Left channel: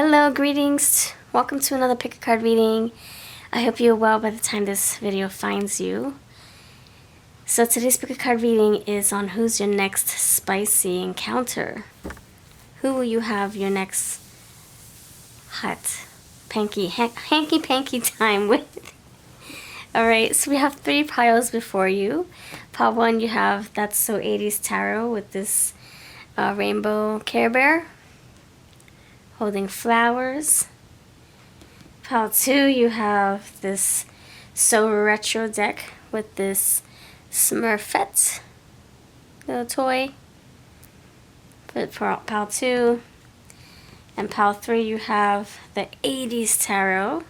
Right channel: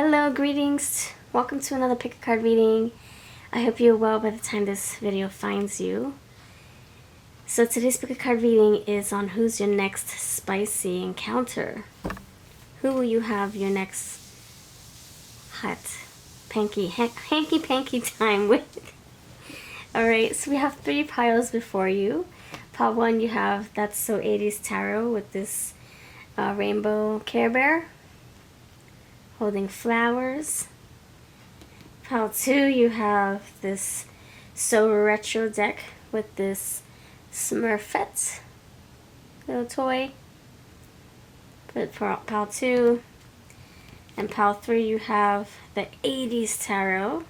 Hello, greetings. Welcome to another pick a card reading. I hope you're well by the time this video finds you. So today's pick a card reading is on who's your next spicy encounter. Who will you have your next hot, hanky-panky time with? Alright, so we have 3 piles before you. Pile 1, you have That's So 80s Tarot with this rainbow Care Bear holding flowers. Pile 2, you have this So Retro deck with this Smurfette little toy. Put pile 2. And pile 3, you have the 80s Tarot.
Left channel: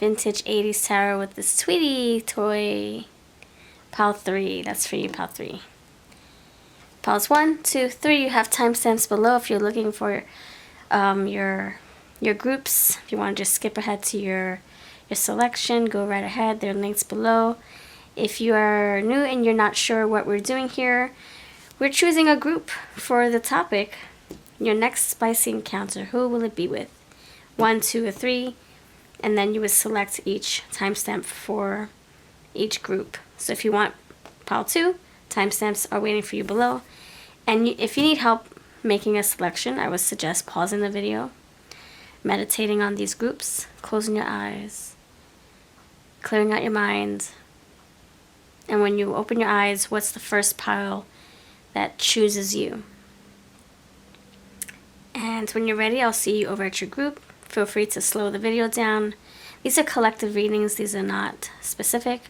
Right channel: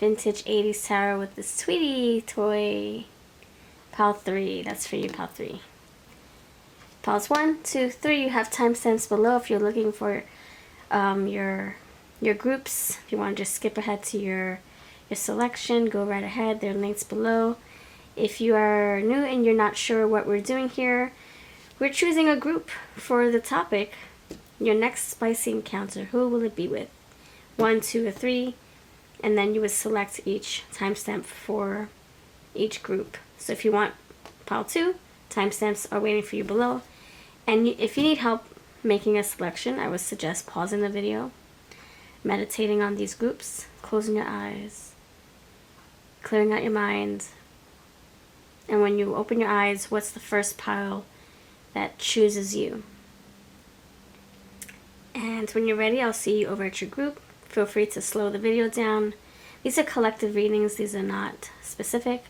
Vintage 80s Tarot with this Tweety toy. Pile 3, that's for you, pile 3. Piles 1, 2, 3, you have timestamps below if you're looking for your groups. If you want to just skip ahead to your selection, go right ahead. There are links below. If you are new and you're not sure what we're doing here, we're choosing a group for the topic. Your next spicy encounter, who will it be with? 1, 2, or 3, and then you would select each timestamp for each group. So if you want pile 2, timestamps are waiting for you below. And if you need help making a selection, I would suggest pausing the video, meditating on these groups, closing your eyes, clearing out your mind. And when you open your eyes, what's the first pile that chooses you? And when you're ready, I'll see you over at your group. Feel free to slow the video down. These are collective readings. These are not specific.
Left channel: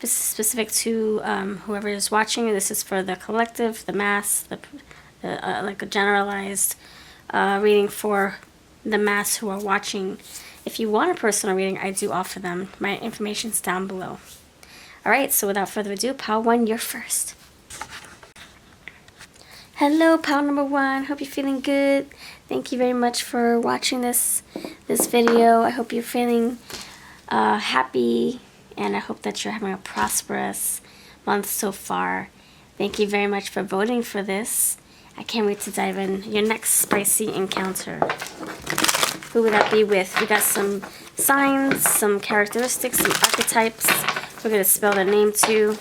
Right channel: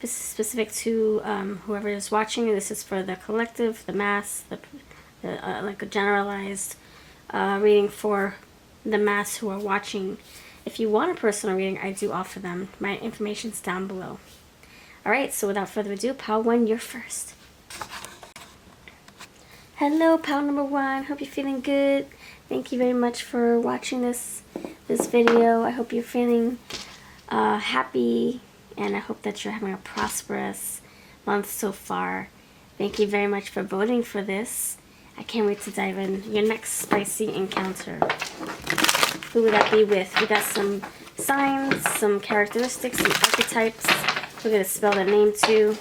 This is specific to whoever is watching. This is for the collective, the mass, like a generalized reading for the mass who are watching. If you want a personal reading, I do offer them. My information's down below. Alright, so without further ado, pile 1, you're first. Hello, pile number 1. Hope you're feeling good. Thank you very much for watching this video. I hope you're feeling happy, and I hope that you're having a prosperous month so far. Thank you very much for voting for this. I can't wait to dive in. Your next spicy encounter. Who will that be with? We got some signs, some characteristics, some archetypes. We're going to spell their name too.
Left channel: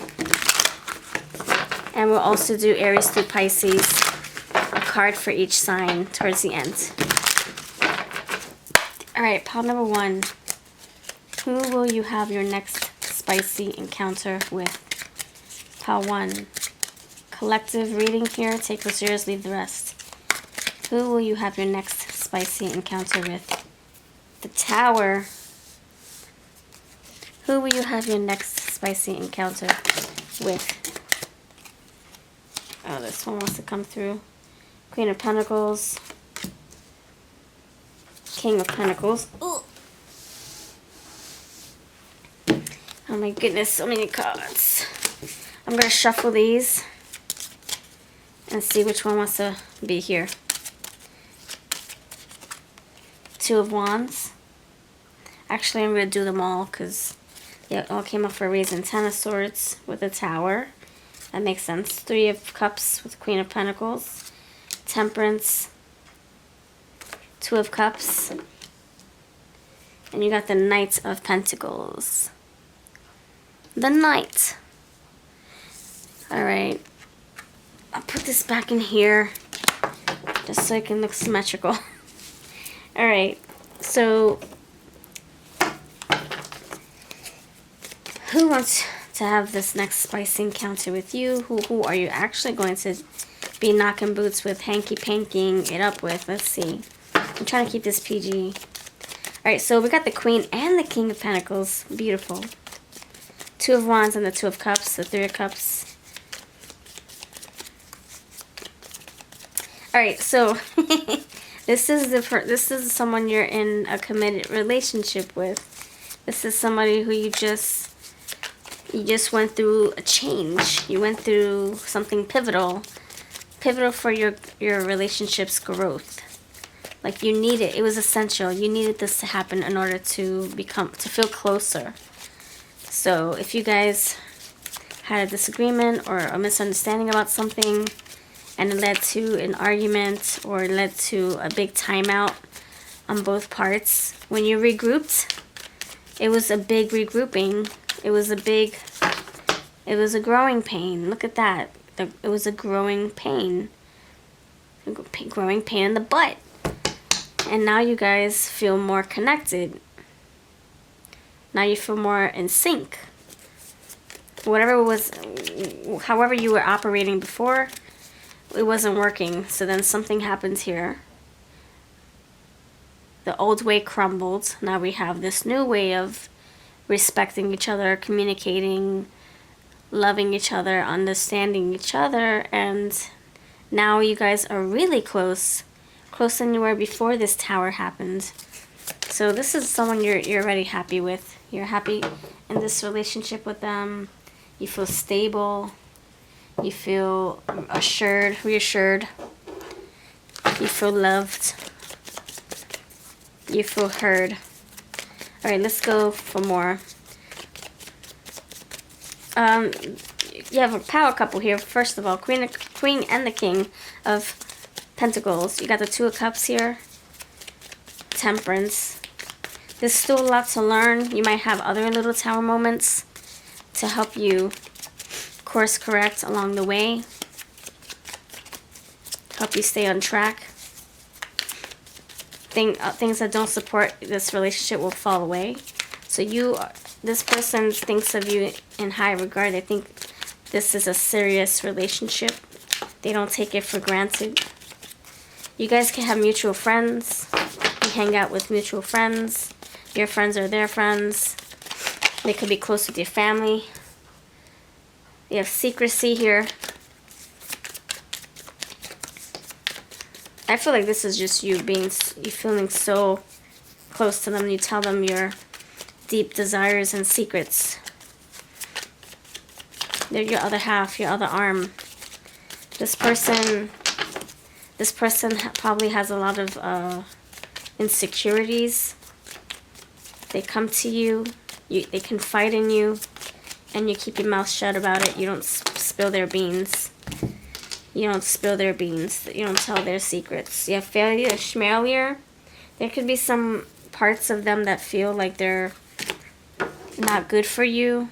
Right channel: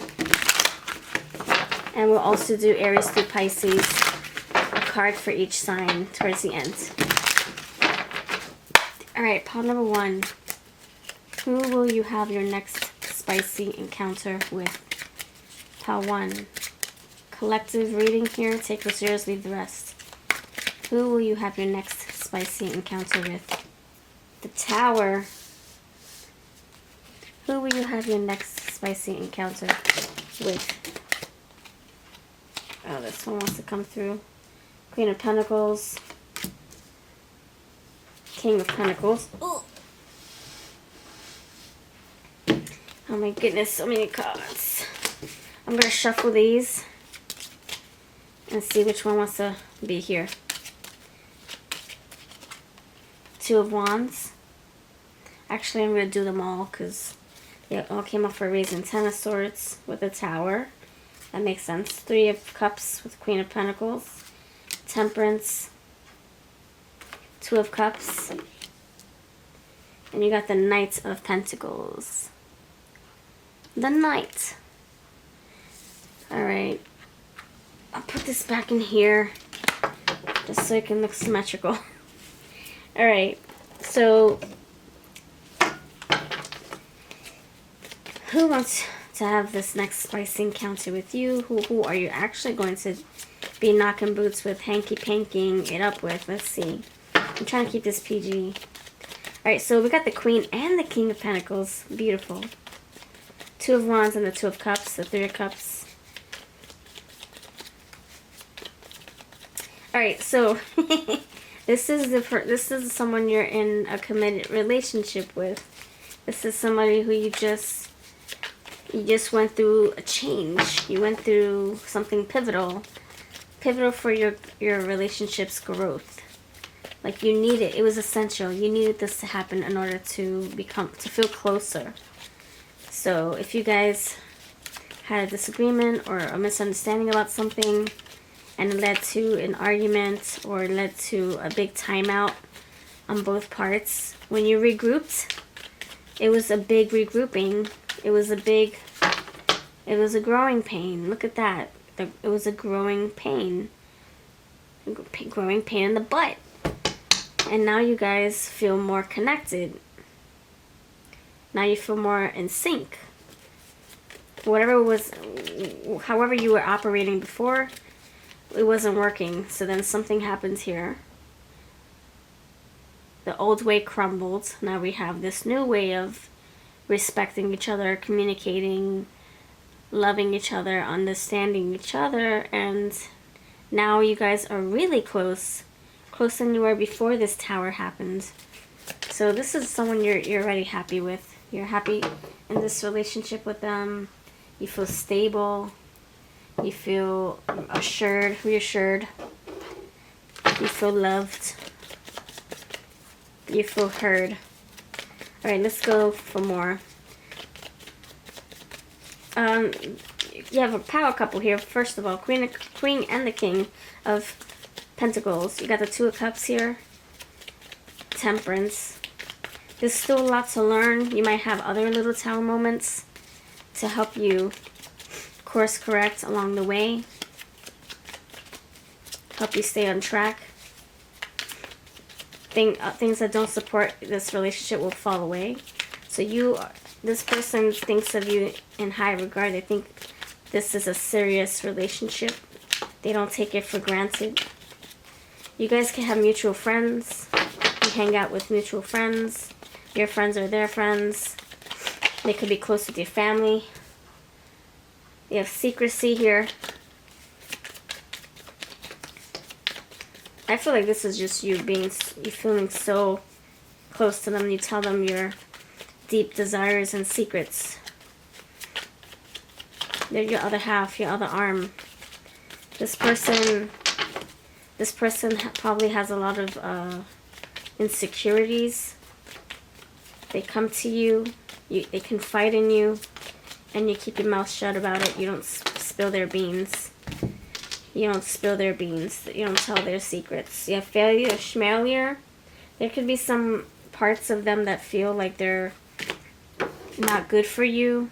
And we'll also do Aries through Pisces. A card for each sign towards the end. Alright, pile number 1. Who will you have your next spicy encounter with? Pile 1. Collective reading here. Take what's yours, leave the rest. Who will you have your next spicy encounter with? The Tower. Who will you have your next spicy encounter with? Oh, this one wants to come through. Queen of Pentacles. King of Pentacles. Ooh. Oh my goodness, so many cards. I'm going to shuffle these and see which one wants to be here. 2 of Wands. Actually, I'm going to do them all because it all came up for a reason. 10 of Swords with a Tower. That makes sense. 3 of Cups with Queen of Pentacles. Temperance. 2 of Cups. And you got the Knight of Pentacles. The Knight. Alright. I'll put this back in here just so it can look symmetrical. Alright. So, who wants to have this next spicy encounter with you? Who are you actually going to be knocking boots with, hanky-pankying it up with? Let's see. I'm trying to keep this PG. Alright, so we got the Queen and the King of Pentacles. Beautiful. 2 of Wands and the 2 of Cups, the 3 of Cups. Alright, so this is someone you're in a committed relationship with. This is somebody who you just went through a change. You went through something pivotal for your relationship's growth. Like you needed, it was essential. You needed this to happen in order to feel closer. So if you guys had a disagreement or a misunderstanding about something, and it led to an argument or led to a big timeout on both parts. When you regrouped, it was a big regrouping. It was a growing pain. Look at that. It was a growing pain. Growing pain in the butt. And now you guys feel more connected. Now you feel more in sync. However you were operating before, it wasn't working. So then something happened here. The old way crumbled. Now we have this new way of respecting each other, communicating, loving each other, understanding each other, and now you guys are really close. Closer than you were before this tower happened. So this is someone you're already happy with. You're happy in this relationship with them. You feel stable. You feel assured, reassured. You feel loved. You feel heard. Alright, let's go for more. You have a power couple here. First of all, Queen and the King of Pentacles. You got the Two of Cups here. Temperance. There's still a lot to learn. You might have other little tower moments to help you course correct along the way. Help you stay on track. Things that don't support this relationship will fall away. So this person thinks of you in high regard. They think this is a serious relationship. They don't take it for granted. You guys can have mutual friends. You hang out with mutual friends. Your friends are their friends. They could be close with your family. You have secrecy here. I feel like this is just you feeling so close to them. You tell them your deep desires and secrets. They're your other half, your other arm. This person probably has a lot of insecurities. They come to you, they confide in you, and you keep your mouth shut about it. You don't spill their beans. You don't spill their beans. You don't tell their secrets. You have failure, schmalier. There could be some parts of them that feel like they're not good for you.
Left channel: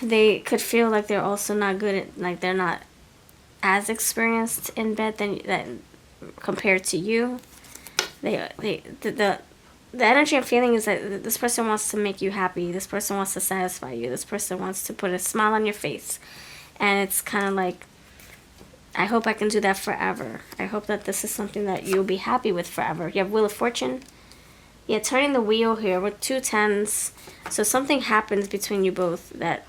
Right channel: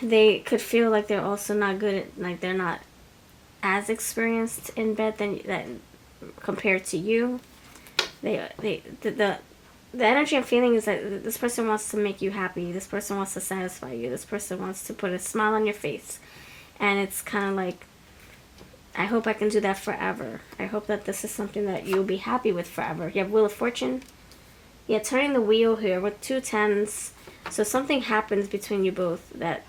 They could feel like they're also not good at, like they're not as experienced in bed than compared to you. The energy I'm feeling is that this person wants to make you happy. This person wants to satisfy you. This person wants to put a smile on your face. And it's kind of like, I hope I can do that forever. I hope that this is something that you'll be happy with forever. You have Wheel of Fortune. Yeah, turning the wheel here with 2 10s. So something happens between you both that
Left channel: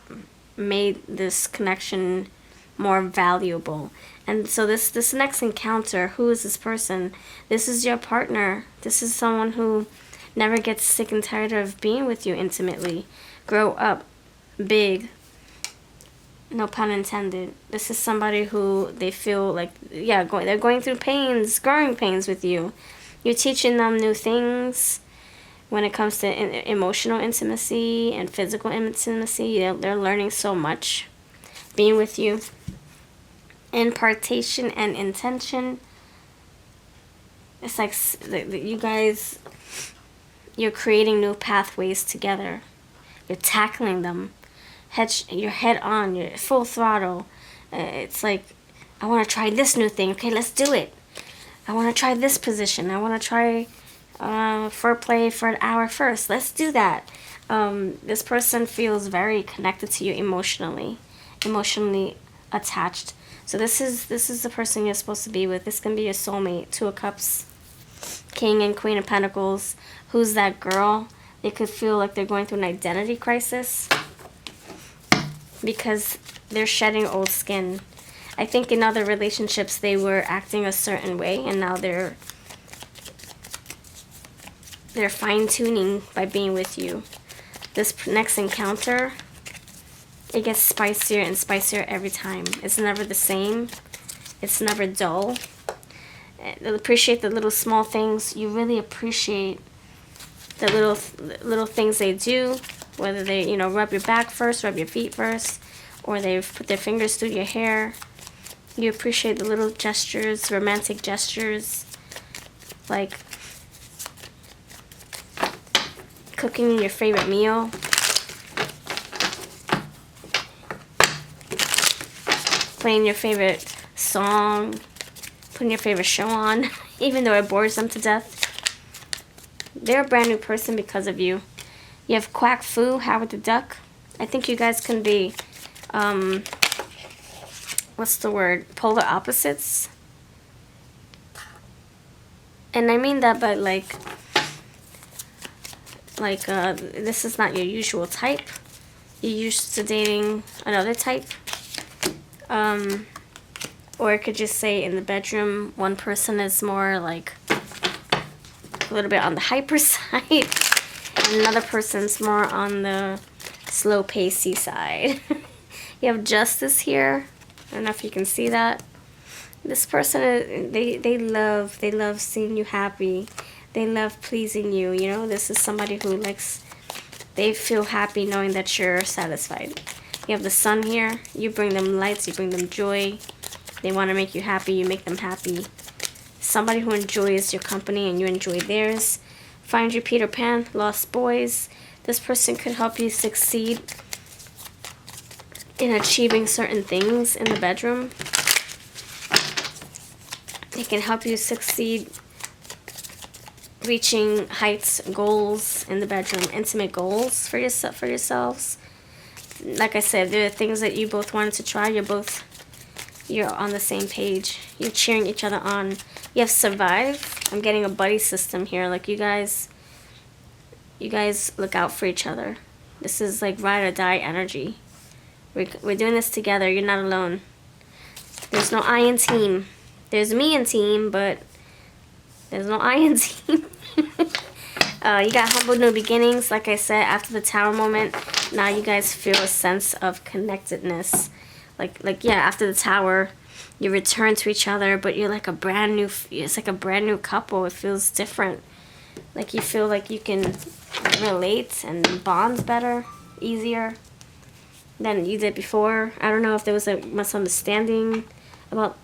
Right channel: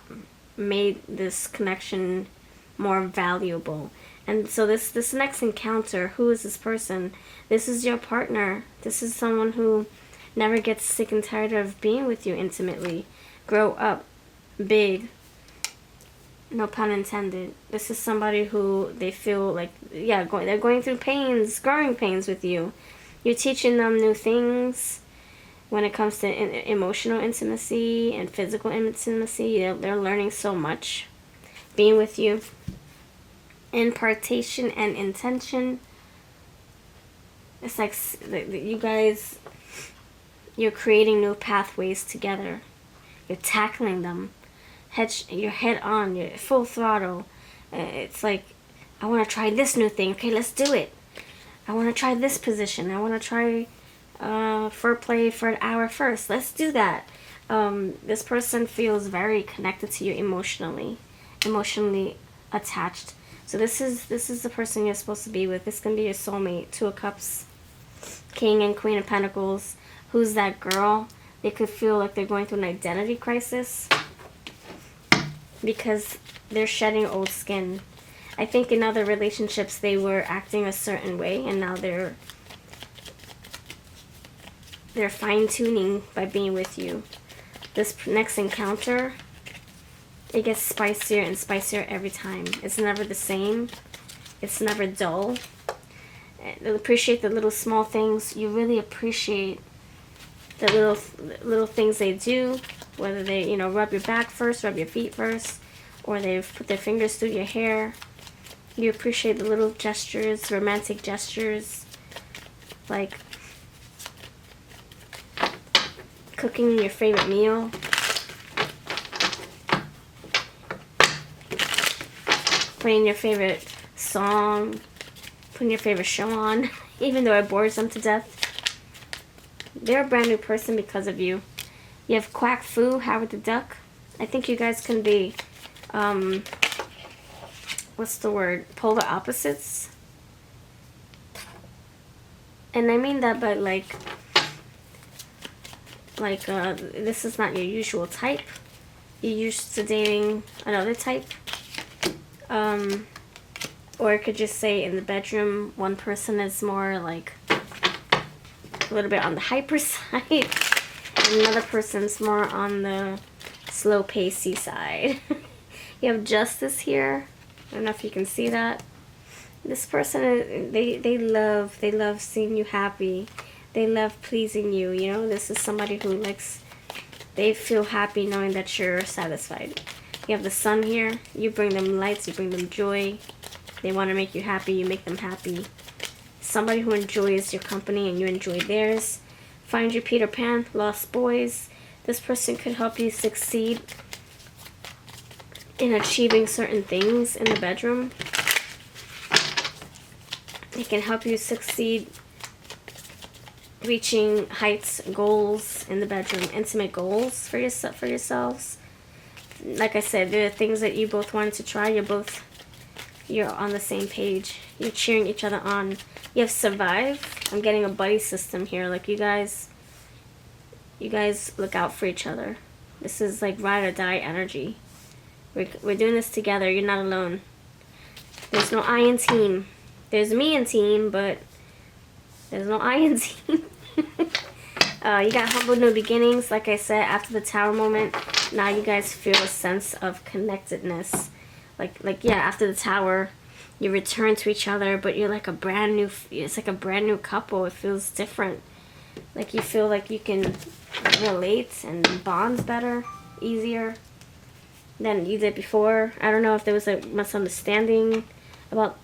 made this connection more valuable. And so this next encounter, who is this person? This is your partner. This is someone who never gets sick and tired of being with you intimately. Grow up big. No pun intended. This is somebody who they feel like, yeah, they're going through pains, growing pains with you. You're teaching them new things when it comes to emotional intimacy and physical intimacy. They're learning so much being with you. Impartation and intention. It's like you guys, you're creating new pathways together. You're tackling them. You're head on, you're full throttle. It's like, I want to try this new thing. Okay, let's do it. I want to try this position. I want to try foreplay for an hour first. Let's do that. This person feels very connected to you emotionally attached. So this is the person you're supposed to be with. This can be your soulmate. 2 of Cups, King and Queen of Pentacles. Who's that girl? They could feel like they're going through an identity crisis because they're shedding old skin. I think in other relationships they were acting a certain way, and now they're fine-tuning by being with you. This next encounter, it gets spicier and spicier every time. It's never the same. It's never dull. Appreciate the little small things. You really appreciate the little things they do, whether they, rub your back first, rub your feet first, or they put their fingers through your hair. You appreciate the little gestures, romantic gestures, like cooking your favorite meal, playing your favorite song, putting your favorite show on, even though it bores them to death. They're a brand new person because of you. You have Quack Fu, Howard the Duck. I think you guys can be, what's the word? Polar opposites. And I mean that by this is not your usual type. You're used to dating another type. Or I could just say in the bedroom, one person is more like a little bit on the hyper side, and another person's more on the slow pacey side. You have Justice here. I don't know if you can see that. This person, they love seeing you happy. They love pleasing you. You know, this is somebody who likes, they feel happy knowing that you're satisfied. You have the Sun here. You bring them lights, you bring them joy. They want to make you happy, you make them happy. Somebody who enjoys your company and you enjoy theirs. Find your Peter Pan, Lost Boys. This person could help you succeed in achieving certain things in the bedroom. They can help you succeed reaching heights, goals in the bedroom, intimate goals for yourselves. Like I said, there are things that you both wanted to try. You're on the same page. You're cheering each other on. You have Survive. I'm getting a buddy system here. Like you guys look out for each other. This is like ride or die energy. We're doing this together. You're not alone. There's no I in team. There's me in team, but there's no I in team. You got Humble New Beginnings. Like I said, after the Tower moment, now you guys feel a sense of connectedness. Like yeah, after the Tower, you return to each other, but you're like it's like a brand new couple. It feels different. Like you feel like you can relate and bond better, easier than you did before. I don't know if there was a misunderstanding about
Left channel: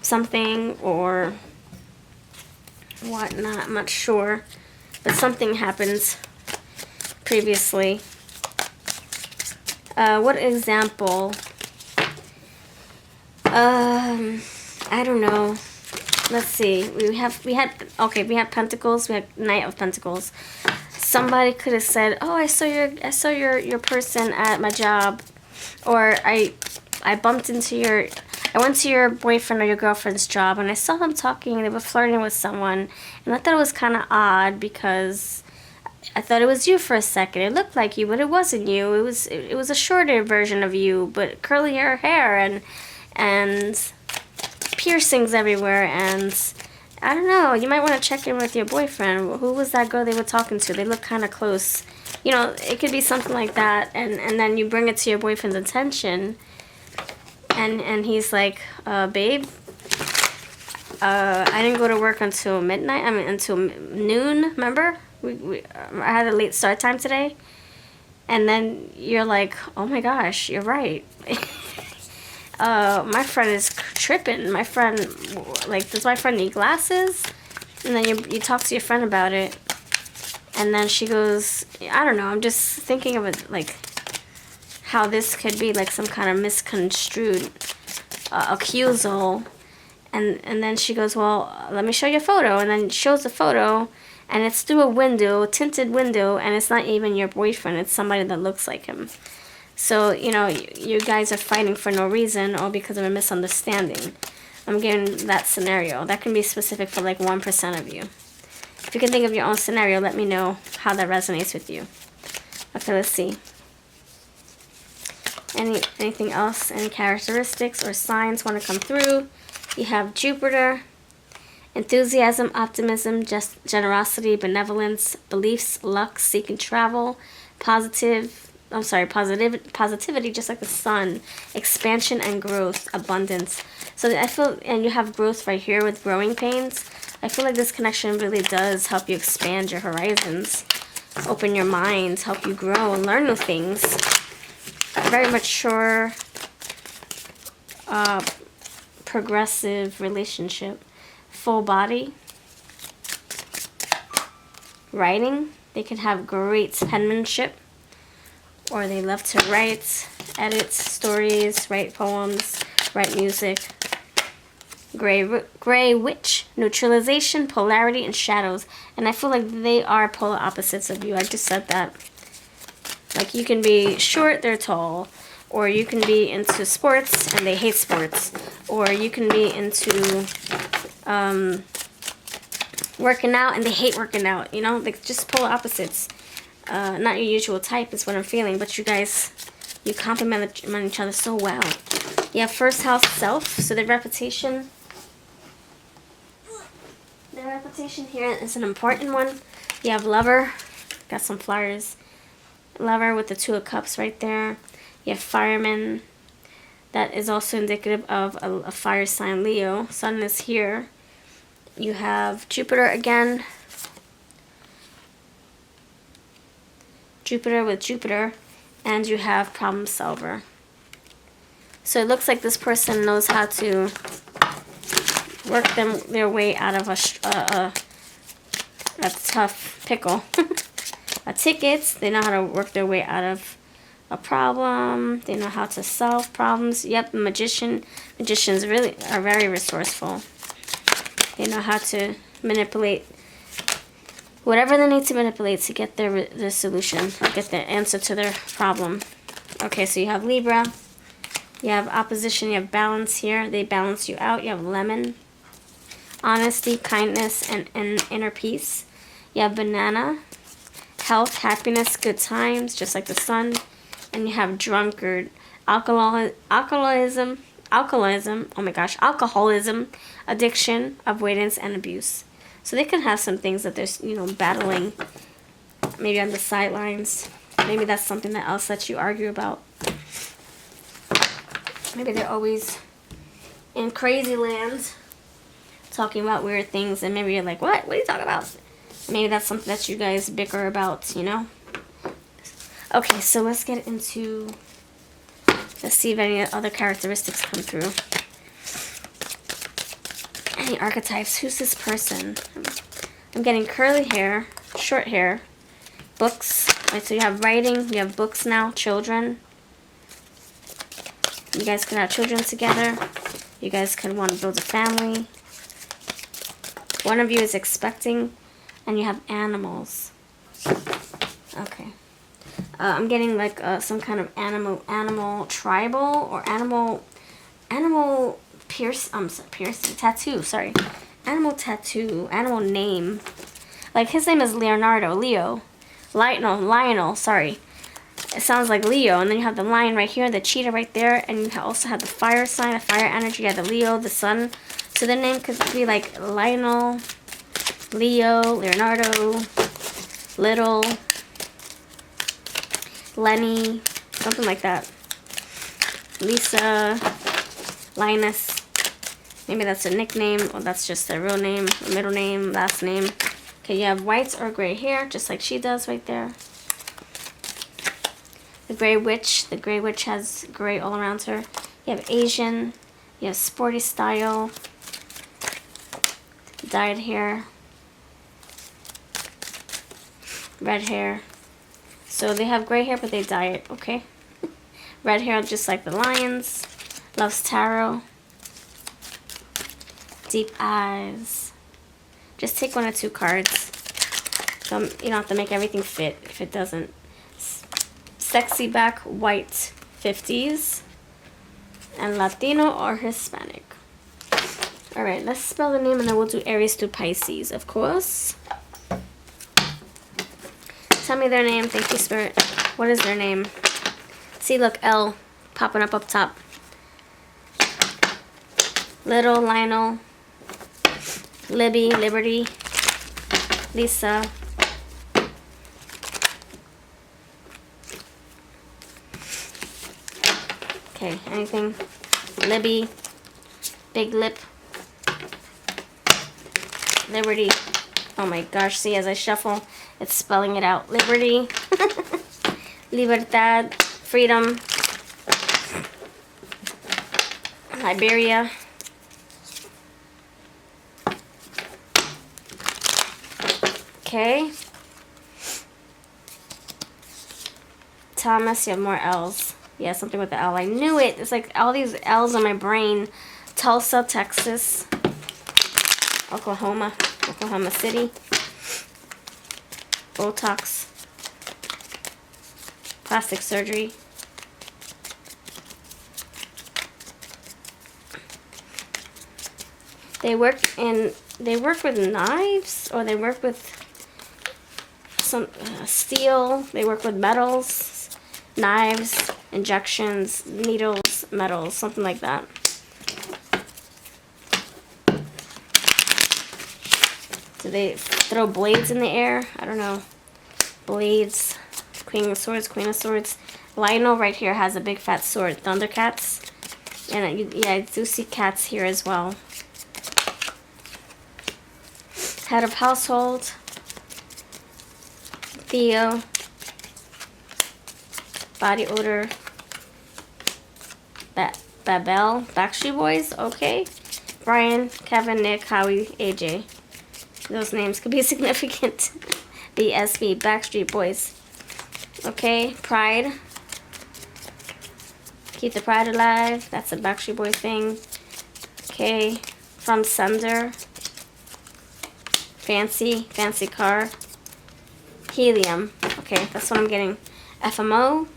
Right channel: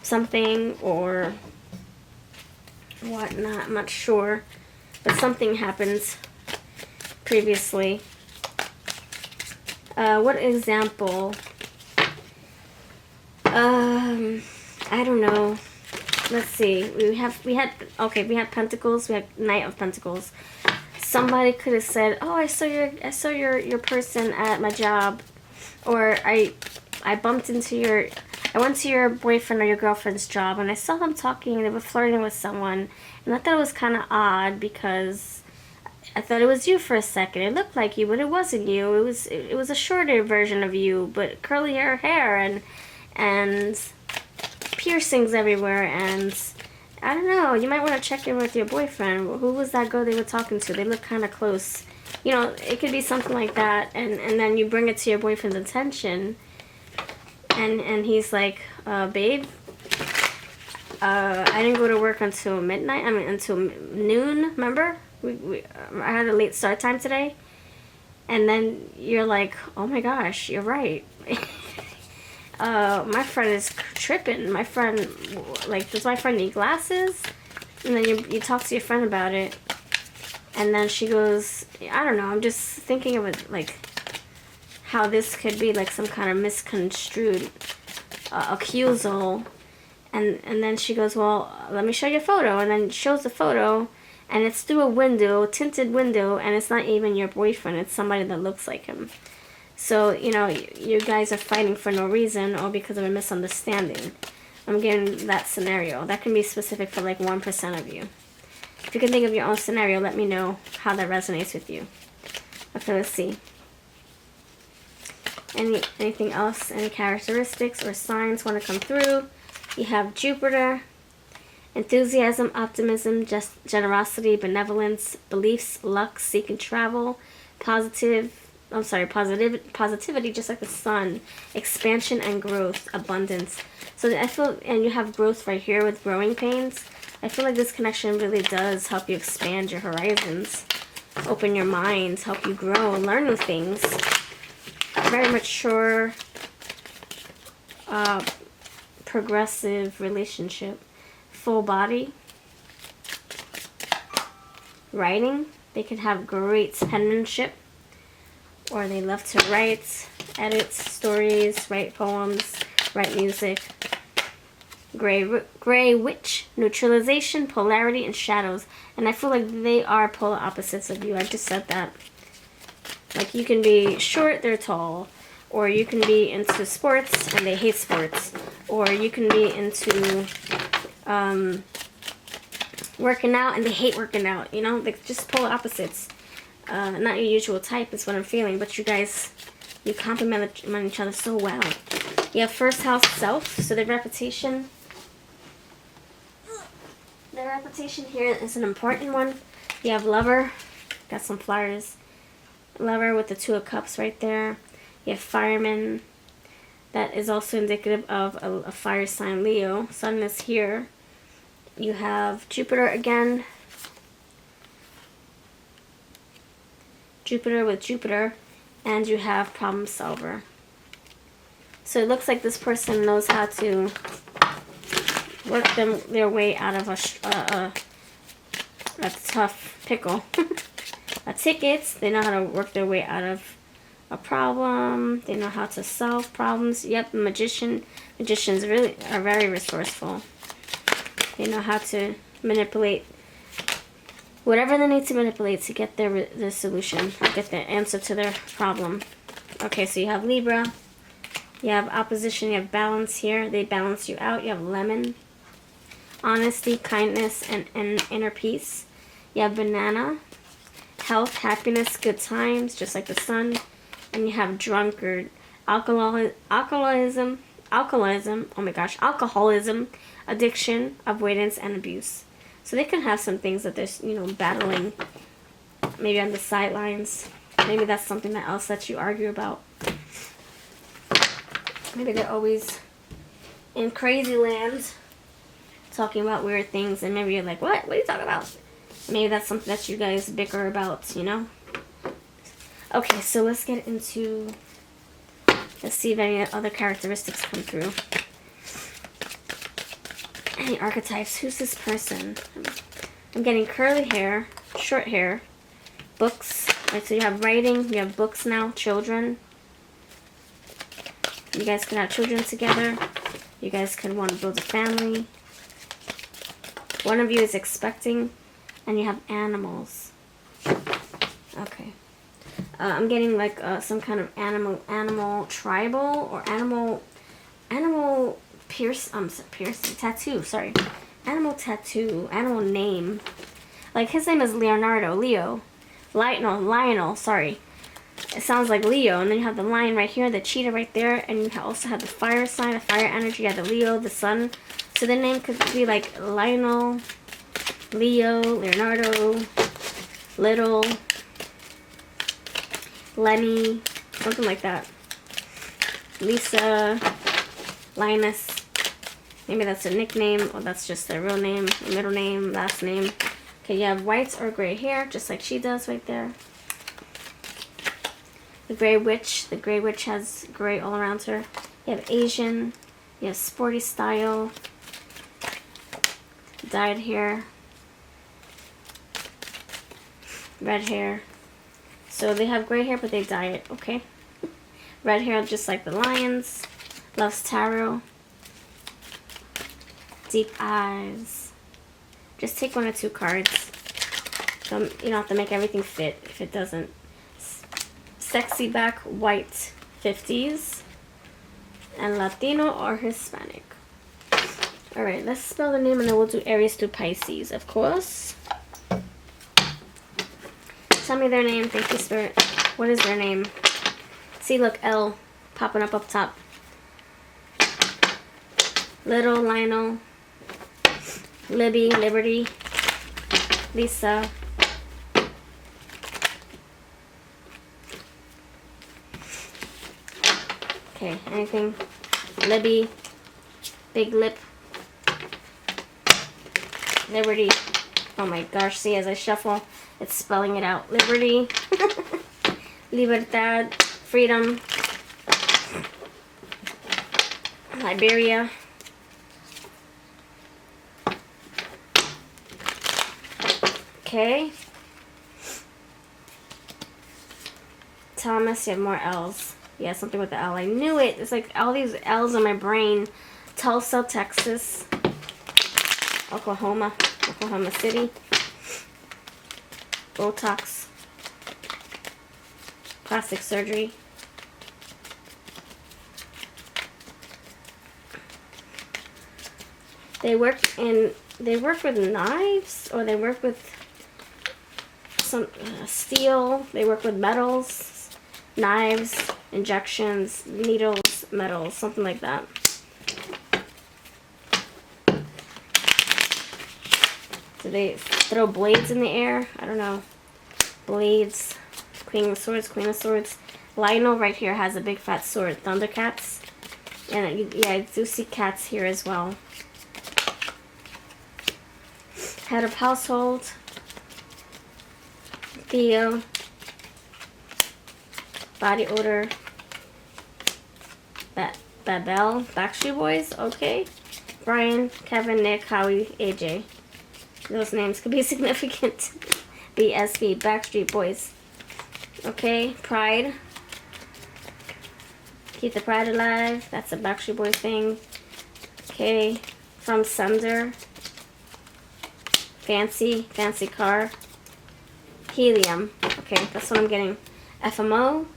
something or whatnot. I'm not sure. But something happened previously. What example? I don't know. Let's see. We had Pentacles. We had Knight of Pentacles. Somebody could have said, "Oh, I saw your person at my job," or I bumped into I went to your boyfriend or your girlfriend's job and I saw them talking. They were flirting with someone, and I thought it was kind of odd because I thought it was you for a second. It looked like you, but it wasn't you. It was a shorter version of you, but curly hair and piercings everywhere, and I don't know. You might want to check in with your boyfriend. Who was that girl they were talking to? They look kind of close. You know, it could be something like that, and then you bring it to your boyfriend's attention, and he's like, babe, I didn't go to work until midnight. I mean, until noon. Remember? I had a late start time today. And then you're like, oh my gosh, you're right. My friend is tripping. My friend, like, does my friend need glasses? And then you talk to your friend about it. And then she goes, I don't know, I'm just thinking of it, like, how this could be, like, some kind of misconstrued accusal. And then she goes, well, let me show you a photo. And then shows the photo, and it's through a window, a tinted window, and it's not even your boyfriend. It's somebody that looks like him. So, you know, you guys are fighting for no reason or because of a misunderstanding. I'm getting that scenario. That can be specific for like 1% of you. If you can think of your own scenario, let me know how that resonates with you. Okay, let's see. Anything else? Any characteristics or signs want to come through? You have Jupiter, enthusiasm, optimism, generosity, benevolence, beliefs, luck, seeking travel, positivity, just like the sun, expansion and growth, abundance. So I feel, and you have growth right here with growing pains. I feel like this connection really does help you expand your horizons, open your mind, help you grow and learn new things. Very mature progressive relationship. Full body. Writing. They can have great penmanship, or they love to write, edit stories, write poems, write music. Gray witch. Neutralization, polarity, and shadows. And I feel like they are polar opposites of you. I just said that. Like, you can be short, they're tall. Or you can be into sports and they hate sports. Or you can be into working out and they hate working out. You know, like just polar opposites. Not your usual type is what I'm feeling. But you guys, you complement each other so well. You have first house self. So the reputation. The reputation here is an important one. You have lover. Got some flowers. Lover with the 2 of cups right there. You have fireman. That is also indicative of a fire sign, Leo. Sun is here. You have Jupiter again. Jupiter with Jupiter. And you have problem solver. So it looks like this person knows how to work their way out of a tough pickle. A ticket. They know how to work their way out of a problem. They know how to solve problems. Yep, magician. Magicians really are very resourceful. They know how to manipulate whatever they need to manipulate to get their solution, get the answer to their problem. Okay, so you have Libra. You have opposition. You have balance here. They balance you out. You have lemon. Honesty, kindness, and inner peace. You have banana. Health, happiness, good times, just like the sun. And you have drunkard, alcoholism, oh my gosh, alcoholism, addiction, avoidance, and abuse. So they can have some things that they're, you know, battling, maybe on the sidelines. Maybe that's something else that you argue about. Maybe they're always in crazy land, talking about weird things, and maybe you're like, what? What are you talking about? Maybe that's something that you guys bicker about, you know? Okay, so let's get into... Let's see if any other characteristics come through. Any archetypes? Who's this person? I'm getting curly hair, short hair, books. Right, so you have writing, you have books now, children. You guys could have children together. You guys could want to build a family. One of you is expecting. And you have animals. Okay. I'm getting like some kind of animal tribal or animal piercing tattoo. Sorry, animal tattoo, animal name. Like his name is Lionel. Sorry, it sounds like Leo. And then you have the lion right here, the cheetah right there, and you also have the fire sign, the fire energy. You have the Leo, the sun. So the name could be like Lionel, Leo, Leonardo, Little, Lenny, something like that. Lisa, Linus. Maybe that's a nickname, or that's just their real name, middle name, last name. Okay, you have white or gray hair, just like she does right there. The gray witch. The gray witch has gray all around her. You have Asian. You have sporty style. Dyed hair. Red hair. So they have gray hair, but they dye it, okay? Red hair, just like the lions. Loves tarot. Deep eyes. Just take 1 or 2 cards. So you don't have to make everything fit if it doesn't. Sexy back, white, 50s. And Latino or Hispanic. Alright, let's spell the name and then we'll do Aries to Pisces, of course. Tell me their name. Thank you, Spirit. What is their name? See, look, L popping up top. Little, Lionel, Libby, Liberty, Lisa. Okay, anything? Libby, Big Lip, Liberty. Oh my gosh, see, as I shuffle, it's spelling it out. Liberty, Libertad, Freedom, Liberia, Okay. Thomas, you have more L's. Yeah, something with the L. I knew it. It's like all these L's in my brain. Tulsa, Texas. Oklahoma City. Botox. Plastic surgery. They work with knives, or they work with some steel. They work with metals, knives, injections, needles, metals, something like that. Do they throw blades in the air? I don't know. Blades. Queen of Swords, Queen of Swords. Lionel right here has a big fat sword. Thundercats. And yeah, I do see cats here as well. Head of household. Theo. Body odor. Babel. Backstreet Boys. Okay. Brian, Kevin, Nick, Howie, AJ. Those names could be significant. BSB. Backstreet Boys. Okay. Pride. Keep the pride alive. That's a Backstreet Boys thing. Okay. From Sunder. Fancy car. Helium. Okay, that's what I'm getting. FMO.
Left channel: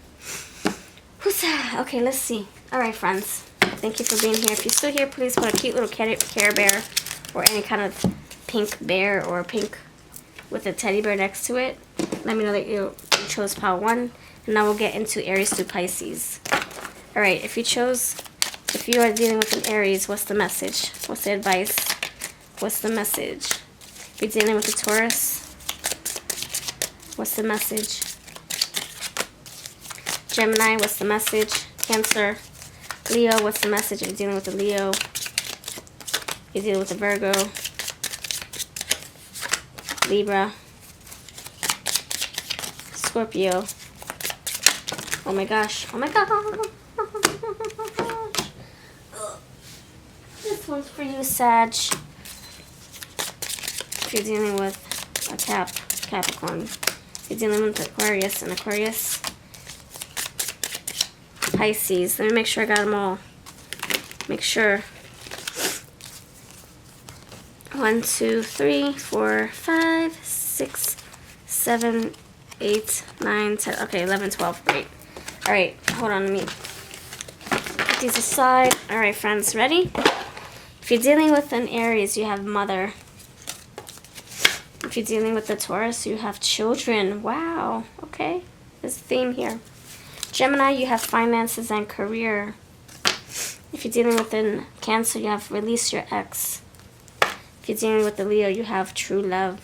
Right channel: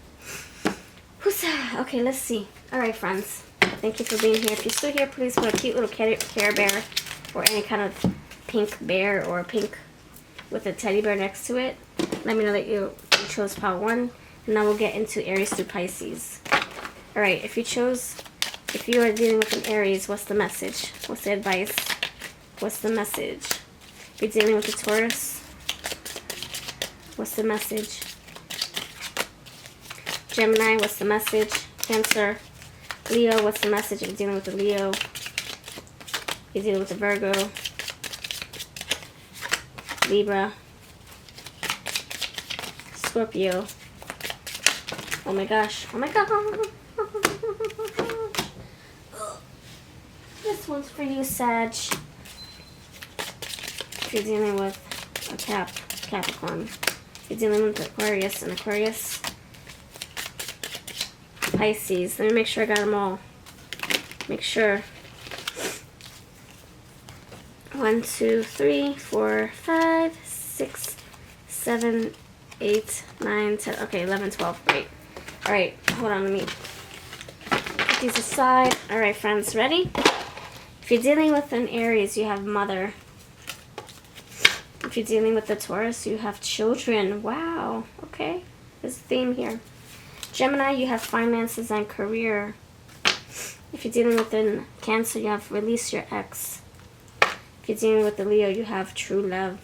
Who's that? Okay, let's see. Alright, friends. Thank you for being here. If you're still here, please put a cute little Care Bear or any kind of pink bear or pink with a teddy bear next to it. Let me know that you chose pile 1. And now we'll get into Aries through Pisces. Alright, if you are dealing with an Aries, what's the message? What's the advice? What's the message? If you're dealing with a Taurus, what's the message? Gemini, what's the message? Cancer. Leo, what's the message? If you're dealing with a Leo. If you're dealing with a Virgo. Libra. Scorpio. Oh my gosh. Oh my gosh. This one's for you, Sag. If you're dealing with a Capricorn. If you're dealing with Aquarius and Aquarius. Pisces. Let me make sure I got them all. Make sure. 1, 2, 3, 4, 5, 6, 7, 8, 9, 10. Okay, 11, 12. Great. Alright, hold on. Let me put these aside. Alright, friends. Ready? If you're dealing with an Aries, you have mother. If you're dealing with a Taurus, you have children. Wow. Okay. There's a theme here. Gemini, you have finances and career. If you're dealing with a Cancer, you have release your ex. If you're dealing with a Leo, you have true love.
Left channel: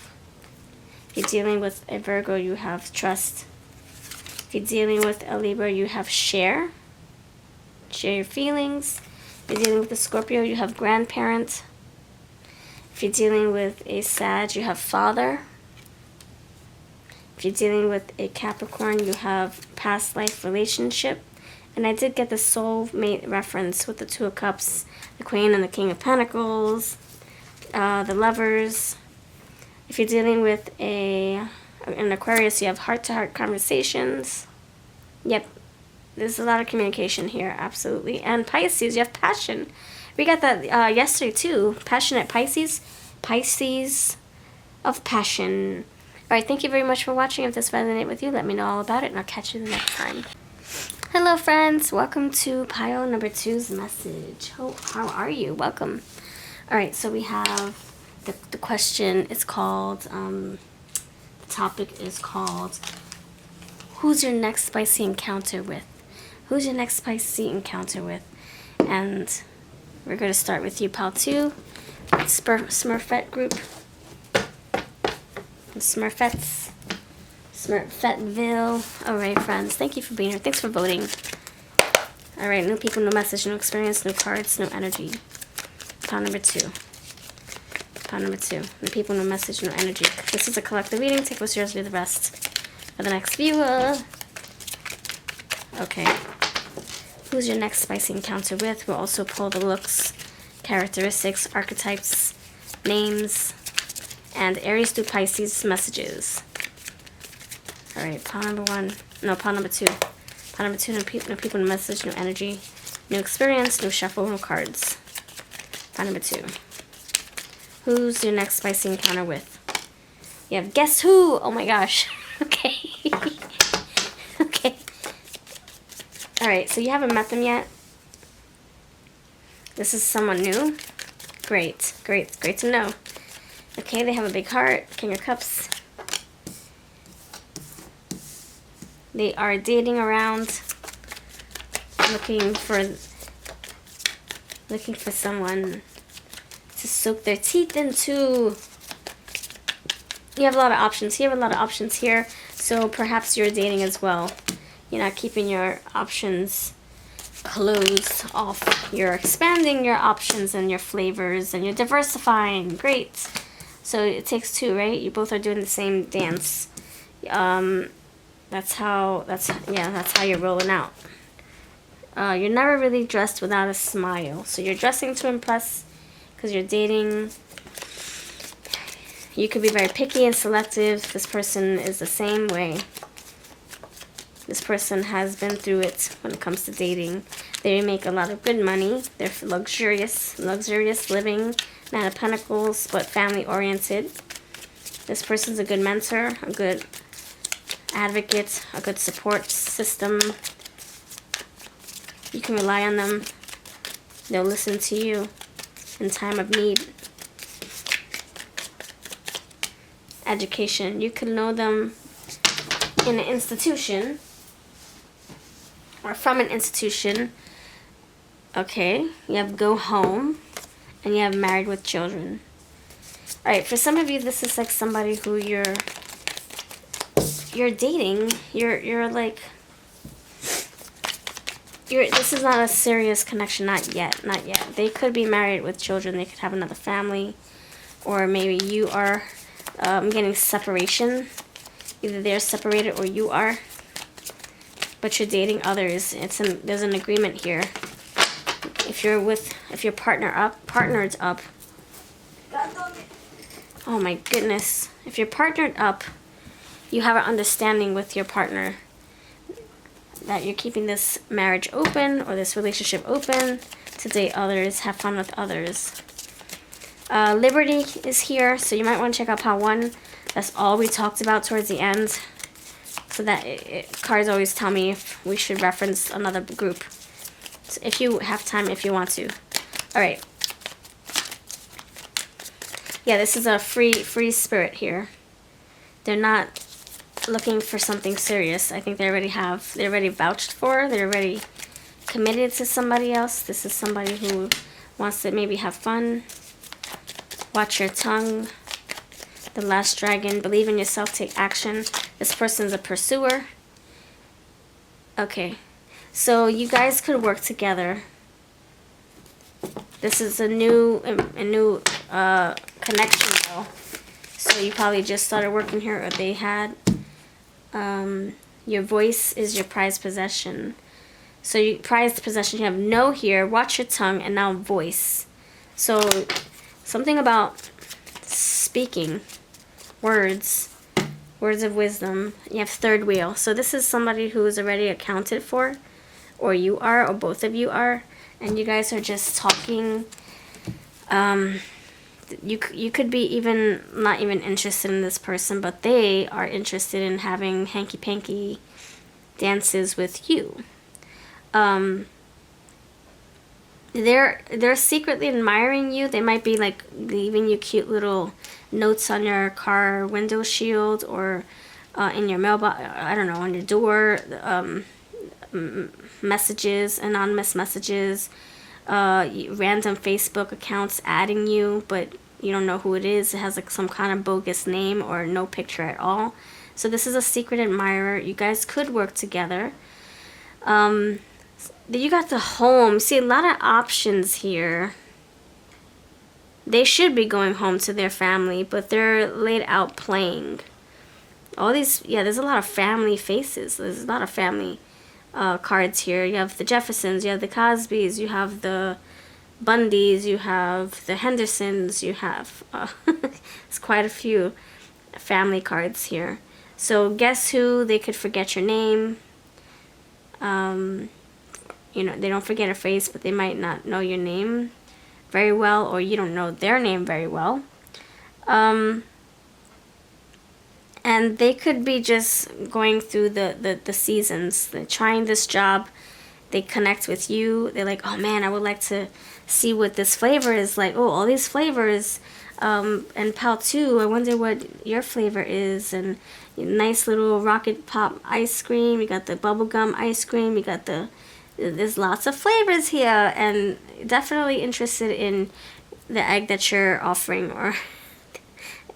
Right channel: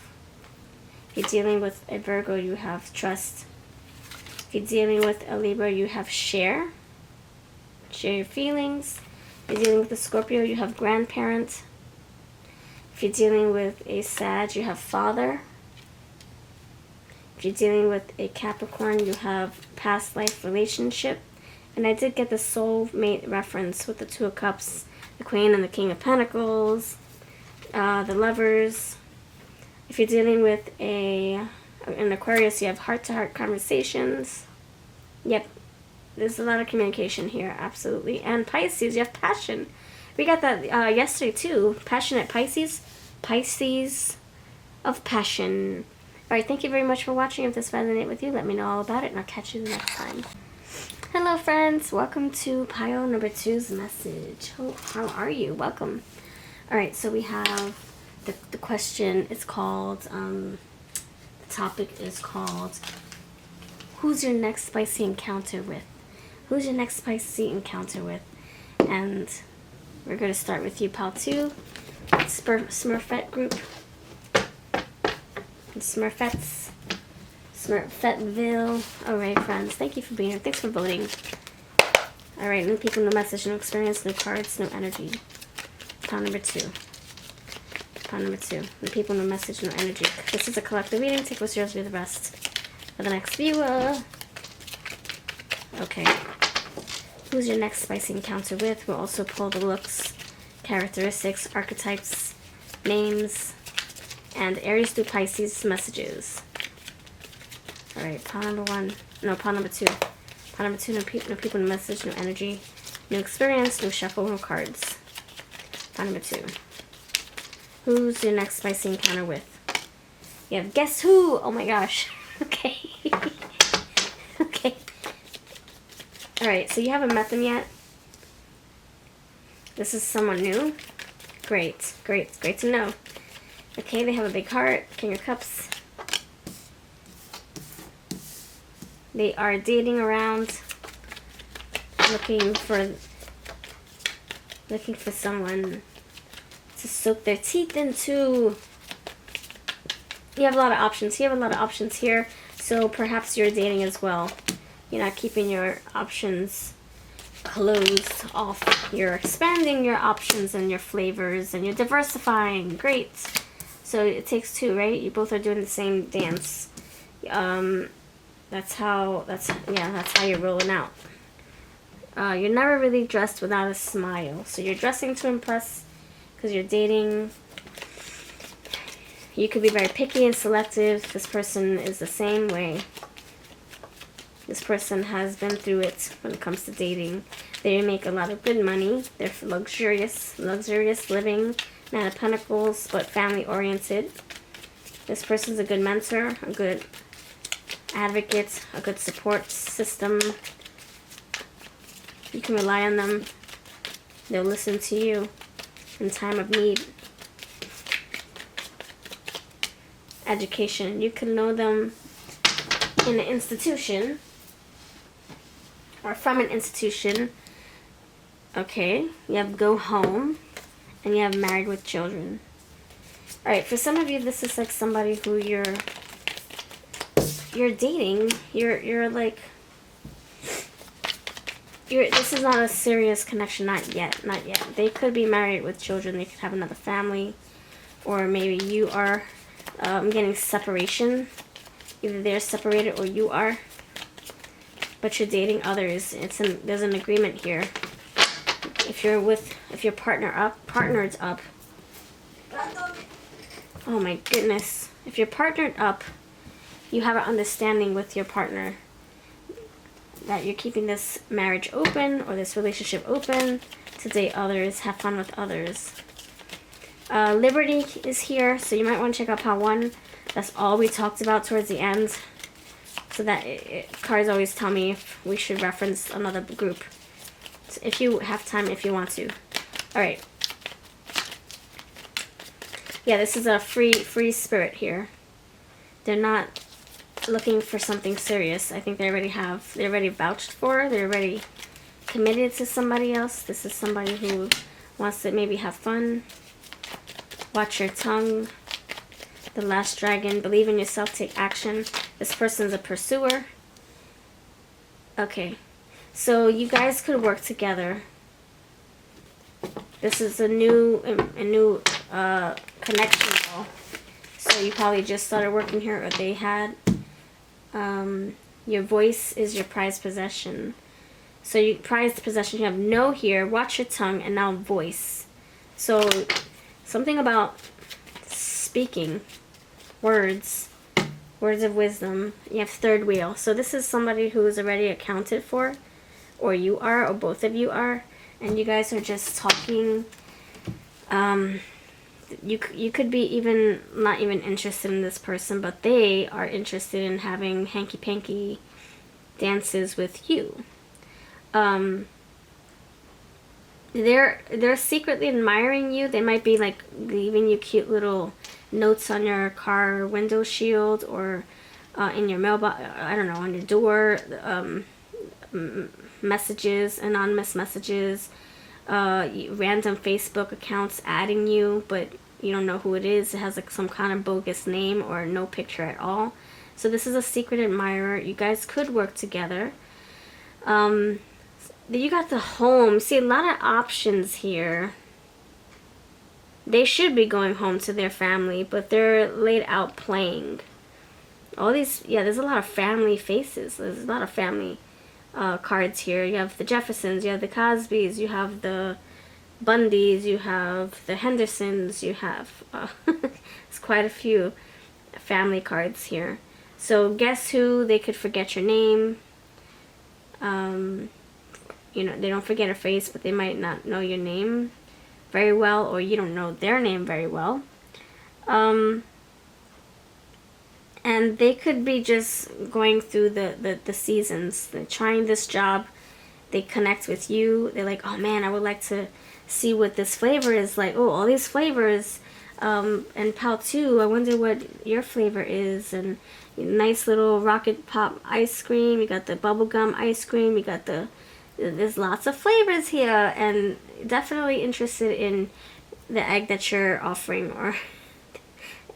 If you're dealing with a Virgo, you have trust. If you're dealing with a Libra, you have share. Share your feelings. If you're dealing with a Scorpio, you have grandparent. If you're dealing with a Sag, you have father. If you're dealing with a Capricorn, you have past life relationship. And I did get the soulmate reference with the 2 of Cups, the Queen and the King of Pentacles, the Lovers. If you're dealing with an Aquarius, you have heart-to-heart conversations. Yep, there's a lot of communication here, absolutely. And Pisces, you have passion. We got that yesterday too. Passionate Pisces. Pisces of passion. Alright, thank you very much for watching. If this resonated with you, let me know all about it, and I'll catch you the next time. Hello, friends. Welcome to pile number 2's message. How are you? Welcome. Alright, so we have the question. It's called, the topic is called, who's your next spicy encounter with? Who's your next spicy encounter with? And we're going to start with you, pile 2. Smurfette group. Smurfettes. Smurfettville. Alright, friends. Thank you for being here. Thanks for voting. Alright, no people, no message, no experience, no cards, no energy. Pile number 2. Pile number 2. No people, no message, no energy. This is a collective reading. Take what's yours, be the best. For the next viewer. Okay. Who's your next spicy encounter with? We'll also pull the looks, characteristics, archetypes, names, and Aries through Pisces messages. All right, pile number 1. No, pile number 2. Pile number 2, no people, no message, no energy, new experience, no shuffle, no cards. Pile number 2. Who's your next spicy encounter with? You have guess who? Oh my gosh. Okay. Okay. All right, so you haven't met them yet. This is someone new. Great, great, great to know. Okay, they have a big heart, King of Cups. They are dating around, looking for someone to soak their teeth into. You have a lot of options. You have a lot of options here, so perhaps you're dating as well. You're not keeping your options closed off. You're expanding your options and your flavors, and you're diversifying. Great. So it takes two, right? You both are doing the same dance. That's how you're rolling out. You're never really dressed without a smile. So you're dressing to impress because you're dating. You could be very picky and selective. This person is the same way. This person has been through it when it comes to dating. They make a lot of good money. They're luxurious living. Nine of Pentacles, but family oriented. This person's a good mentor, a good advocate, a good support system. You can rely on them. They'll listen to you in time of need. Education. You can know them in an institution or from an institution. Okay, you have go home and you have married with children. Alright, for some of you this is like somebody who you're dating. This is not a serious connection, not yet. They could be married with children, they could have another family, or maybe you are getting separation. Either they're separated or you are, but you're dating others. There's an agreement here. If you're partnered up. Oh my goodness. If you're partnered up, you have an understanding with your partner that you're keeping this marriage open or this relationship open to date others, have fun with others. Liberty is here, so you might want to check out pile 1. That's all we talked about towards the end. So that cards always tell me if we should reference another group. So if you have time, if you want to. Alright. Yeah, this is a free spirit here. They're not looking for something serious. I think they're already vouched for. They're already committed to somebody else. This is somebody who wants to maybe have fun. Watch your tongue. The Last Dragon. Believe in yourself. Take action. This person's a pursuer. Okay. So you guys could work together. This is a new connection though. So you probably just started working here, or they had. Your voice is your prized possession. So you prized possession, you have no here, watch your tongue, and now voice. So something about speaking, words of wisdom. You have third wheel. So this is somebody who is already accounted for, or you are, or both of you are, and you guys are just talking. You could be not even interested in this person, but they are interested in having hanky-panky dances with you. They're secretly admiring you. They might be like leaving you cute little notes on your car window shield, or in your mailbox, I don't know, on your door, messages, anonymous messages, random Facebook accounts adding you, but you don't know who it is. It has like some kind of bogus name or no picture at all. So this is a secret admirer. You guys could work together. You got the home. See, a lot of options here. They should be going home to their family, but they're laid out playing. All these, yeah, there's a lot of family faces. There's a lot of family cards here. You have the Jeffersons, you have the Cosbys, you have the Bundys, you have the Hendersons, you have It's quite a few family cards here. So guess who? They could forget your name. You know, they don't forget a face, but they might not know your name very well, or you don't know their name very well. And they could be just going through the seasons. They're trying this job. They connect with you. They're like, oh man, I would like to see what this flavor is like. Oh, all these flavors. And Pal 2, I wonder what your flavor is. And nice little rocket pop ice cream. You got the bubblegum ice cream. You got there's lots of flavors here. And definitely interested in the egg that you're offering, or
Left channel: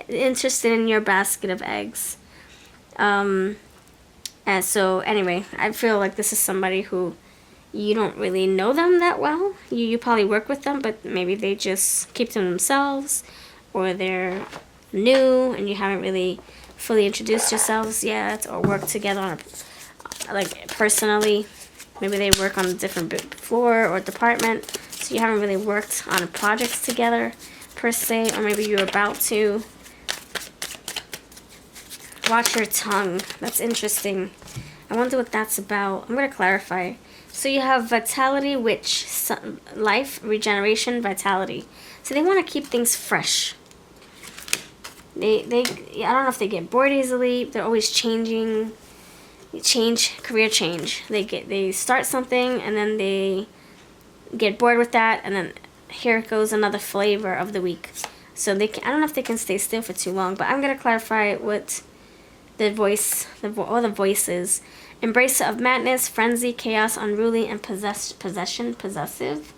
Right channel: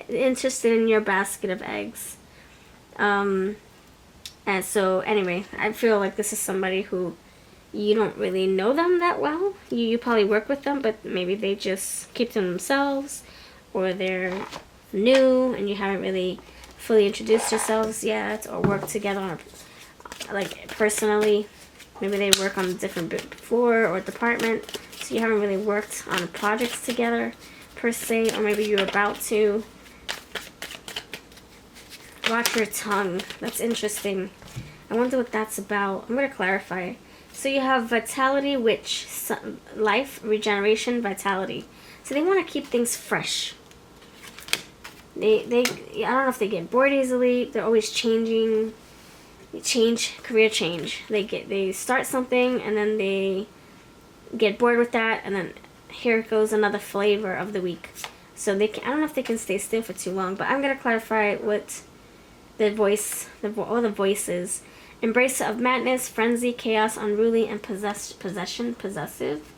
interested in your basket of eggs. And so anyway, I feel like this is somebody who you don't really know them that well. You probably work with them, but maybe they just keep to themselves, or they're new and you haven't really fully introduced yourselves yet, or work together on like personally. Maybe they work on a different floor or department, so you haven't really worked on projects together per se, or maybe you're about to. Watch your tongue. That's interesting. I wonder what that's about. I'm going to clarify. So you have vitality, which life, regeneration, vitality. So they want to keep things fresh. I don't know if they get bored easily. They're always changing, career change. They start something and then they get bored with that, and then here goes another flavor of the week. So I don't know if they can stay still for too long, but I'm going to clarify what the voices. Embracer of madness, frenzy, chaos, unruly, and possessive.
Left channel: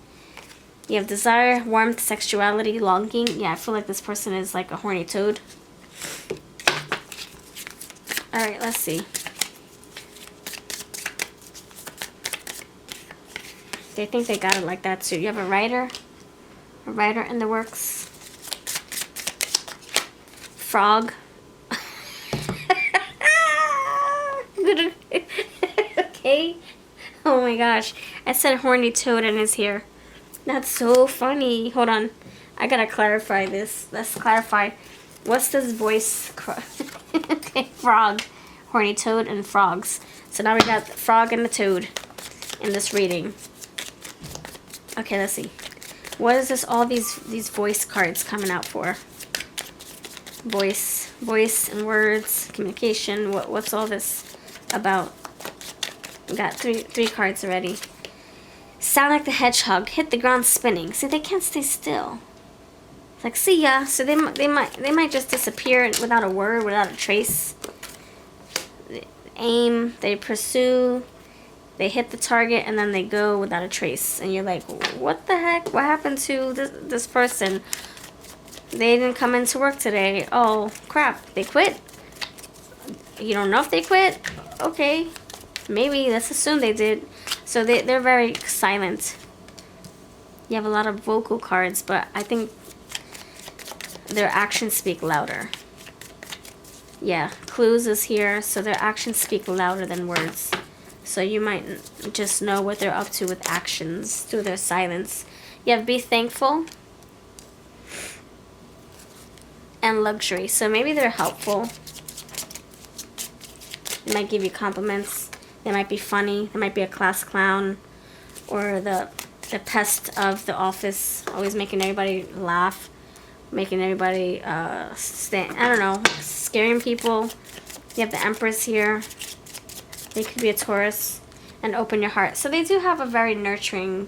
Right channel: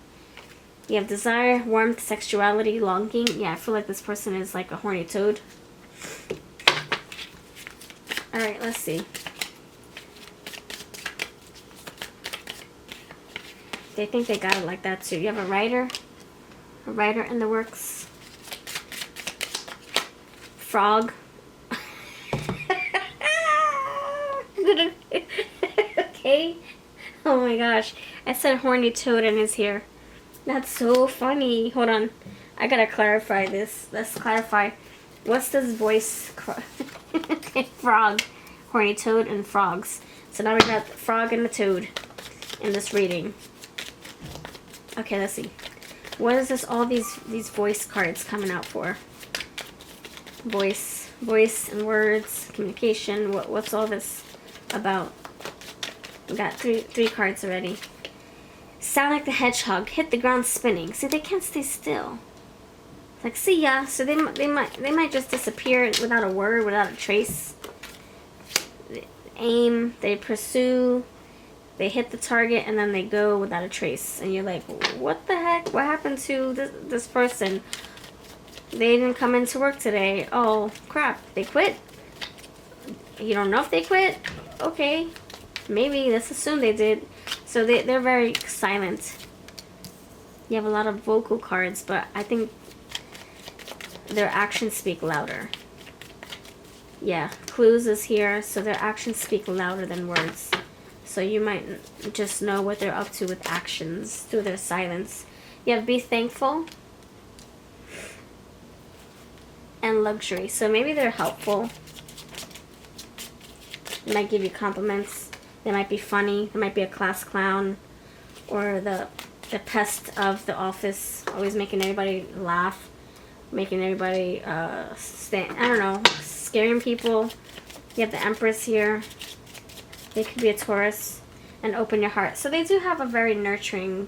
You have desire, warmth, sexuality, longing. Yeah, I feel like this person is like a horny toad. Alright, let's see. They think they got it like that too. You have a writer in the works. Frog. Okay. Oh my gosh. I said horny toad and it's here. That's so funny. Hold on. I gotta clarify this. Let's clarify. What's this voice? Frog. Horny toad and frogs. So now we got the frog and the toad in this reading. Okay, let's see. What is this? All these voice cards coming out for? Voice and words, communication. What's all this about? We got three cards already. Sound like the hedgehog, hit the ground spinning. See, they can't stay still. It's like, see ya. So they might just disappear without a word, without a trace. Aim, they pursue, they hit the target, and then they go without a trace. And you're like, what the heck? What happened to this person? They didn't come into work today. Oh crap, they quit. You don't know if they quit? Okay. Maybe, let's assume they did. So they're very silent. You have a lot of vocal cards, but I think their actions speak louder. Yeah, clues is here, so their actions speak louder than words. So you might just know what they're up to with actions through their silence. You have be thankful and luxury. So maybe they're helpful. They might give you compliments. They might be funny. They might be a class clown, or the pest of the office, always making everybody laugh, making everybody I don't know, scaring people. You have the Empress here. They could be a Taurus, and open your heart. So they do have a very nurturing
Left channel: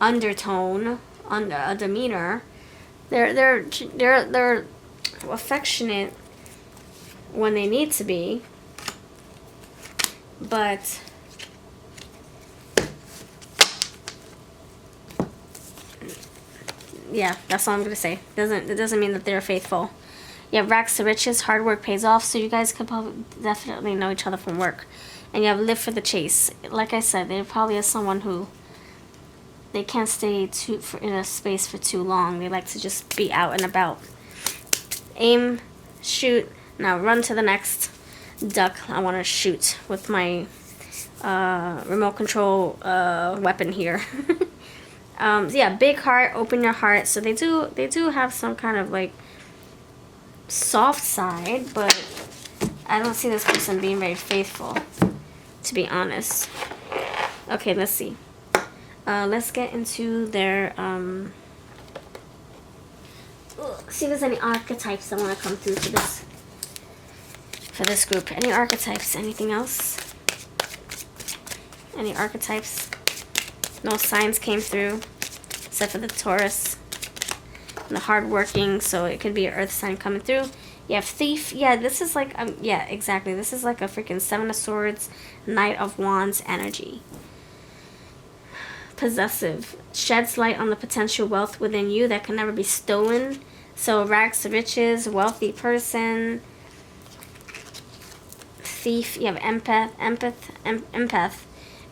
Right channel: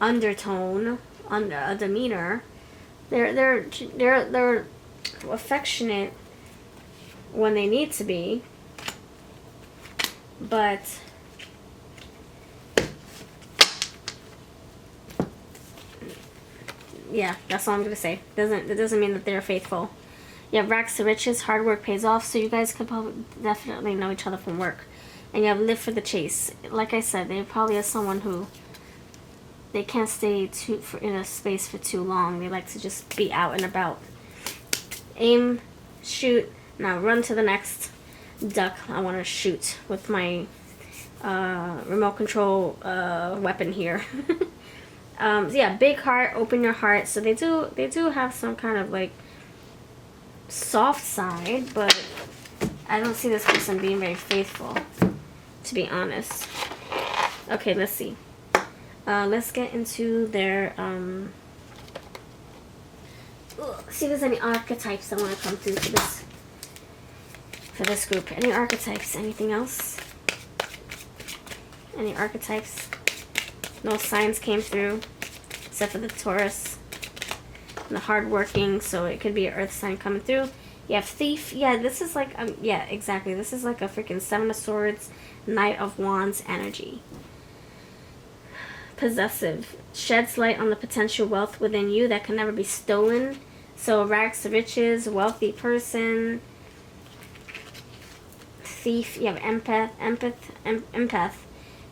undertone, a demeanor. They're affectionate when they need to be. But yeah, that's all I'm gonna say. It doesn't mean that they're faithful. You have racks to riches, hard work pays off, so you guys could probably definitely know each other from work. And you have live for the chase. Like I said, they probably are someone who they can't stay in a space for too long. They like to just be out and about. Aim, shoot, now run to the next duck I want to shoot with my remote control weapon here. Yeah, big heart, open your heart. So they do have some kind of like soft side, but I don't see this person being very faithful, to be honest. Okay, let's see. Let's get into their, see if there's any archetypes that want to come through for this group. Any archetypes? Anything else? Any archetypes? No signs came through, except for the Taurus. The hardworking, so it could be an earth sign coming through. You have thief. Yeah, this is like, yeah, exactly. This is like a freaking Seven of Swords, Knight of Wands energy. Possessive. Sheds light on the potential wealth within you that can never be stolen. So rags to riches, wealthy person. Thief. You have empath.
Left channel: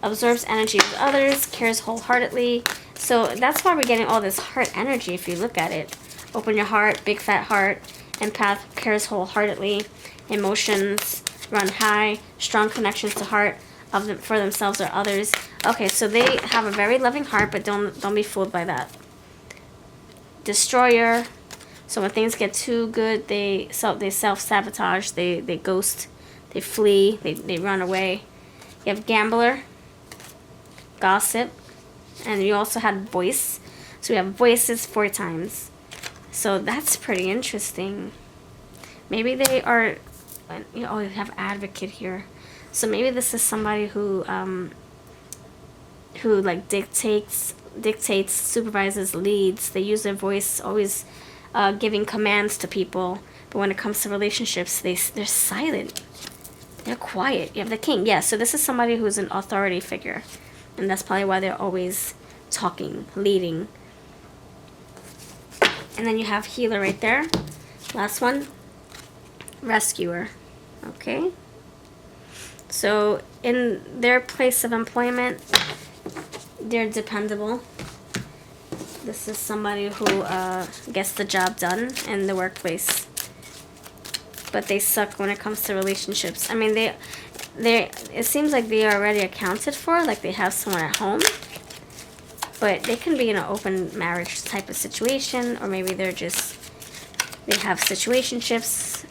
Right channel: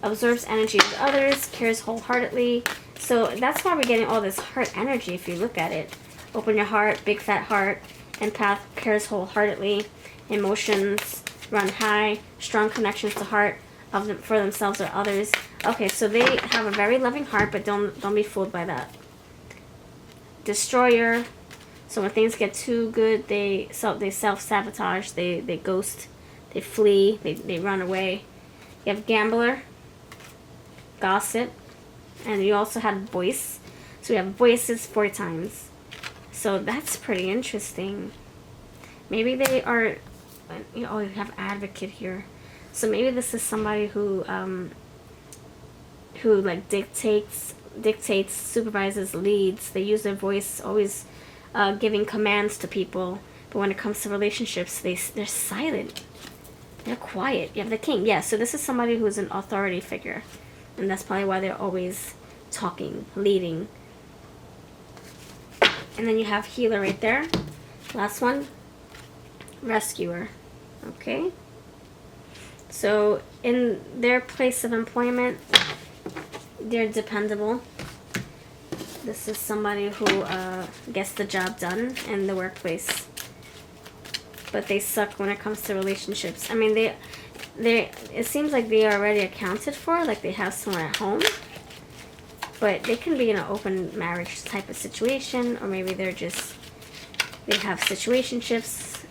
Observes energy of others, cares wholeheartedly. So that's why we're getting all this heart energy if you look at it. Open your heart, big fat heart. Empath cares wholeheartedly. Emotions run high. Strong connections to heart for themselves or others. Okay, so they have a very loving heart, but don't be fooled by that. Destroyer. So when things get too good, they self-sabotage. They ghost. They flee. They run away. You have gambler. Gossip. And you also had voice. So we have voices 4 times. So that's pretty interesting. Maybe they are, you have advocate here. So maybe this is somebody who like dictates, supervises, leads. They use their voice, always giving commands to people. But when it comes to relationships, they're silent. They're quiet. You have the king. Yeah, so this is somebody who's an authority figure. And that's probably why they're always talking, leading. And then you have healer right there. Last one. Rescuer. Okay. So in their place of employment, they're dependable. This is somebody who gets the job done in the workplace. But they suck when it comes to relationships. I mean, it seems like they are already accounted for, like they have someone at home. But they can be in an open marriage type of situation, or maybe they have situationships.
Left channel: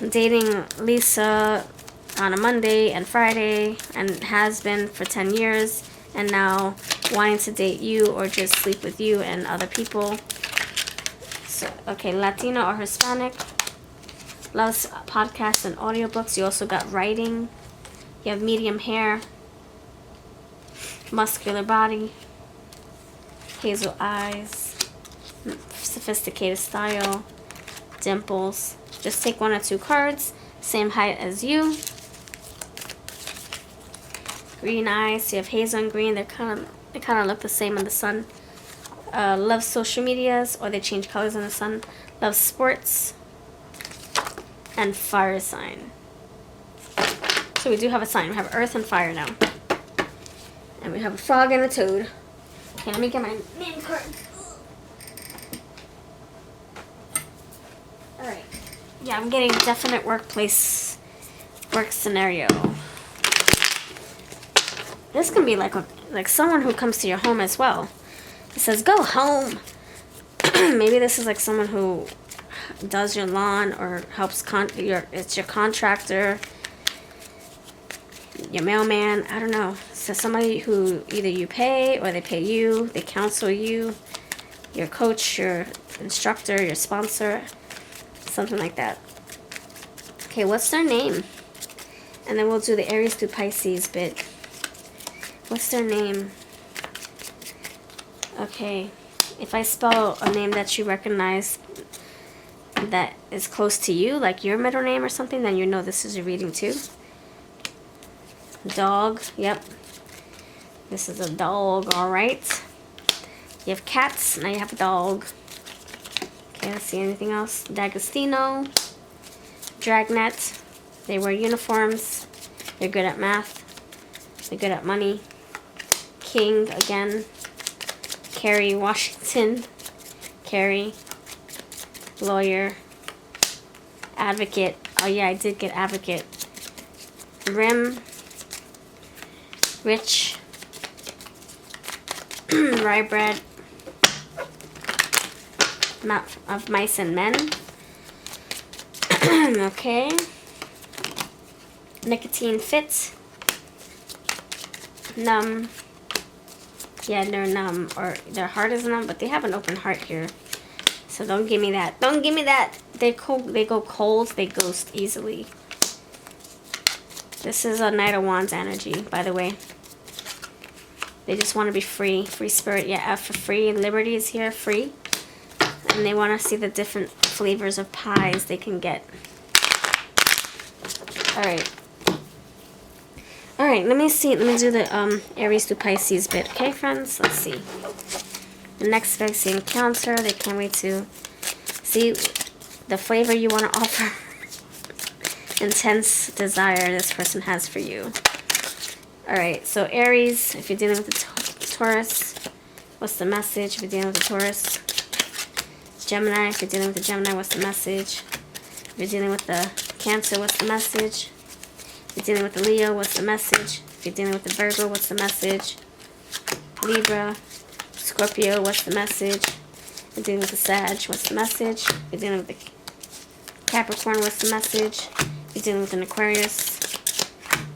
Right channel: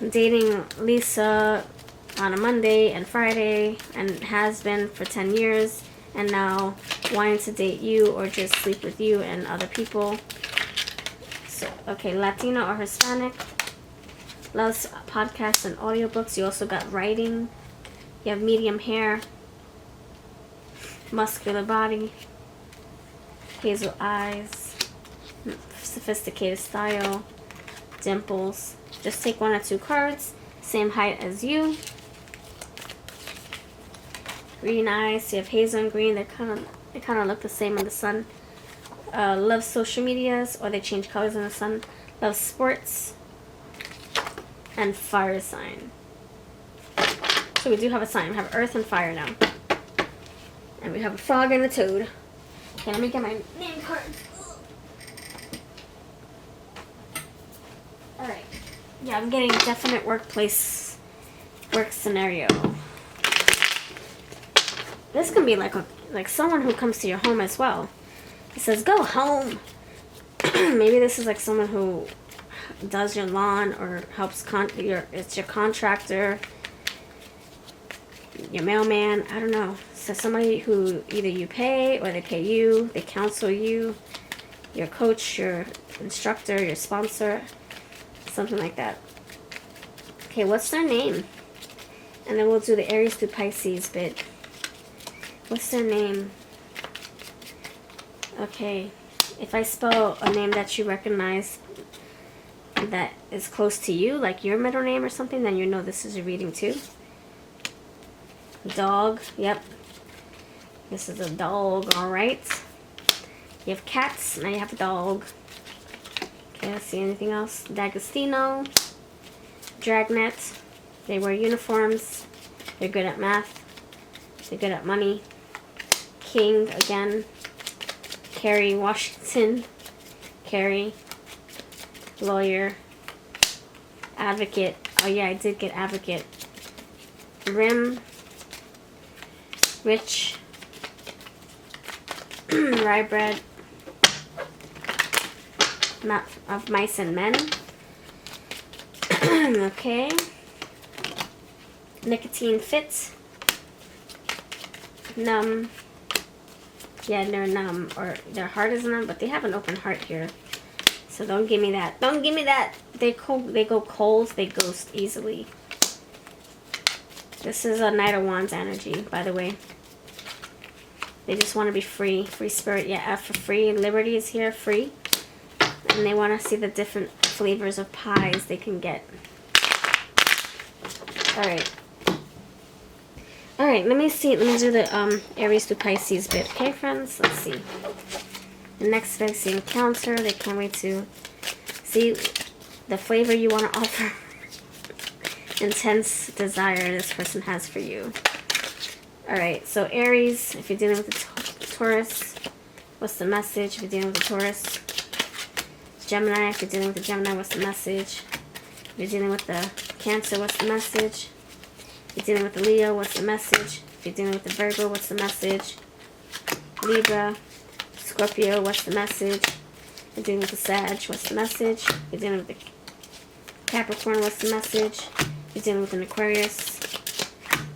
They're dating Lisa on a Monday and Friday, and has been for 10 years, and now wanting to date you or just sleep with you and other people. So, okay, Latino or Hispanic. Loves podcasts and audiobooks. You also got writing. You have medium hair. Muscular body. Hazel eyes. Sophisticated style. Dimples. Just take 1 or 2 cards. Same height as you. Green eyes. So you have hazel and green. They kind of look the same in the sun. Loves social medias, or they change colors in the sun. Loves sports. And fire sign. So we do have a sign. We have earth and fire now. And we have a frog and a toad. Okay, let me get my name card. Alright. Yeah, I'm getting definite work scenario. This can be like someone who comes to your home as well. It says, go home. Maybe this is like someone who does your lawn or helps it's your contractor, your mailman, I don't know. So somebody who either you pay or they pay you, they counsel you, your coach, your instructor, your sponsor, something like that. Okay, what's their name? And then we'll do the Aries through Pisces bit. What's their name? Okay, if I spell a name that you recognize that is close to you, like your middle name or something, then you know this is a reading too. Dog, yep. This is a dog, alright. You have cats, now you have a dog. Okay, let's see anything else. D'Agostino, Dragnet. They wear uniforms. They're good at math. They're good at money. King, again. Carrie Washington. Carrie. Lawyer. Advocate. Oh yeah, I did get advocate. Rim. Rich. Rye bread. of mice and men. Okay. Nicotine fit. Numb. Yeah, they're numb, or their heart is numb, but they have an open heart here. So don't give me that. Don't give me that. They go cold. They ghost easily. This is a Knight of Wands energy, by the way. They just want to be free. Free spirit. Yeah, F for free. Liberty is here. Free. And they want to see the different flavors of pies they can get. Alright. Alright, let me see. Let me do the Aries to Pisces bit. Okay, friends? Let's see. The next Pisces encounter. They can't wait to see the flavor you want to offer. Intense desire this person has for you. Alright, so Aries, if you're dealing with the Taurus, what's the message? If you're dealing with the Taurus. Gemini, if you're dealing with the Gemini, what's the message? If you're dealing with the Cancer, what's the message? If you're dealing with the Leo, what's the message? If you're dealing with the Virgo, what's the message? Libra, Scorpio, what's the message? If you're dealing with the Sag, what's the message? If you're dealing with the Capricorn, what's the message? If you're dealing with an Aquarius,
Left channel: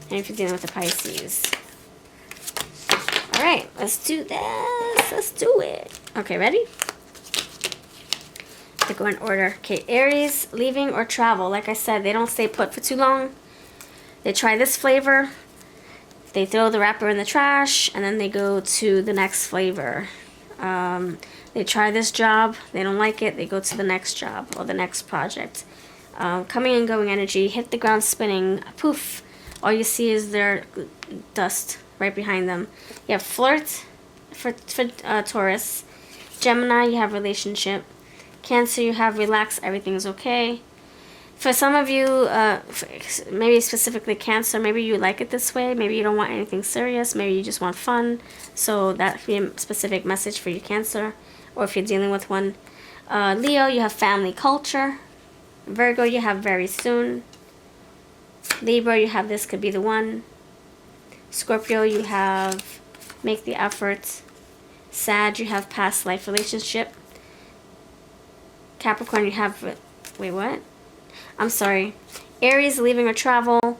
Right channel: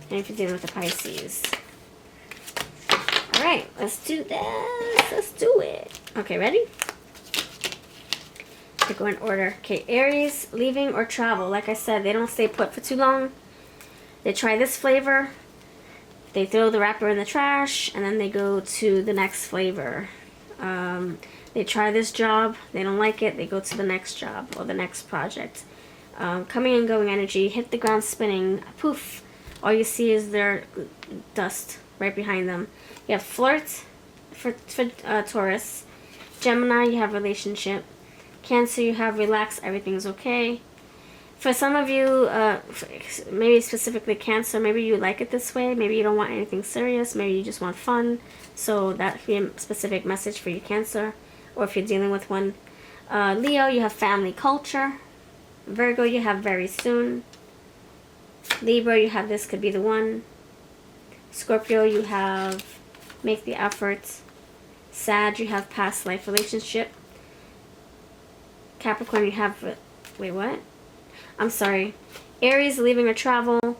and if you're dealing with the Pisces. Alright, let's do this. Let's do it. Okay, ready? To go in order. Okay, Aries, leaving or travel. Like I said, they don't stay put for too long. They try this flavor. They throw the wrapper in the trash, and then they go to the next flavor. They try this job. They don't like it. They go to the next job or the next project. Coming and going energy. Hit the ground spinning. Poof. All you see is their dust right behind them. You have flirt for Taurus. Gemini, you have relationship. Cancer, you have relax, everything's okay. For some of you, maybe specifically Cancer, maybe you like it this way. Maybe you don't want anything serious. Maybe you just want fun. So that could be a specific message for you, Cancer. Or if you're dealing with one. Leo, you have family culture. Virgo, you have very soon. Libra, you have this could be the one. Scorpio, you have make the effort. Sag, you have past life relationship. Capricorn, you have, wait, what? I'm sorry. Aries, leaving or travel.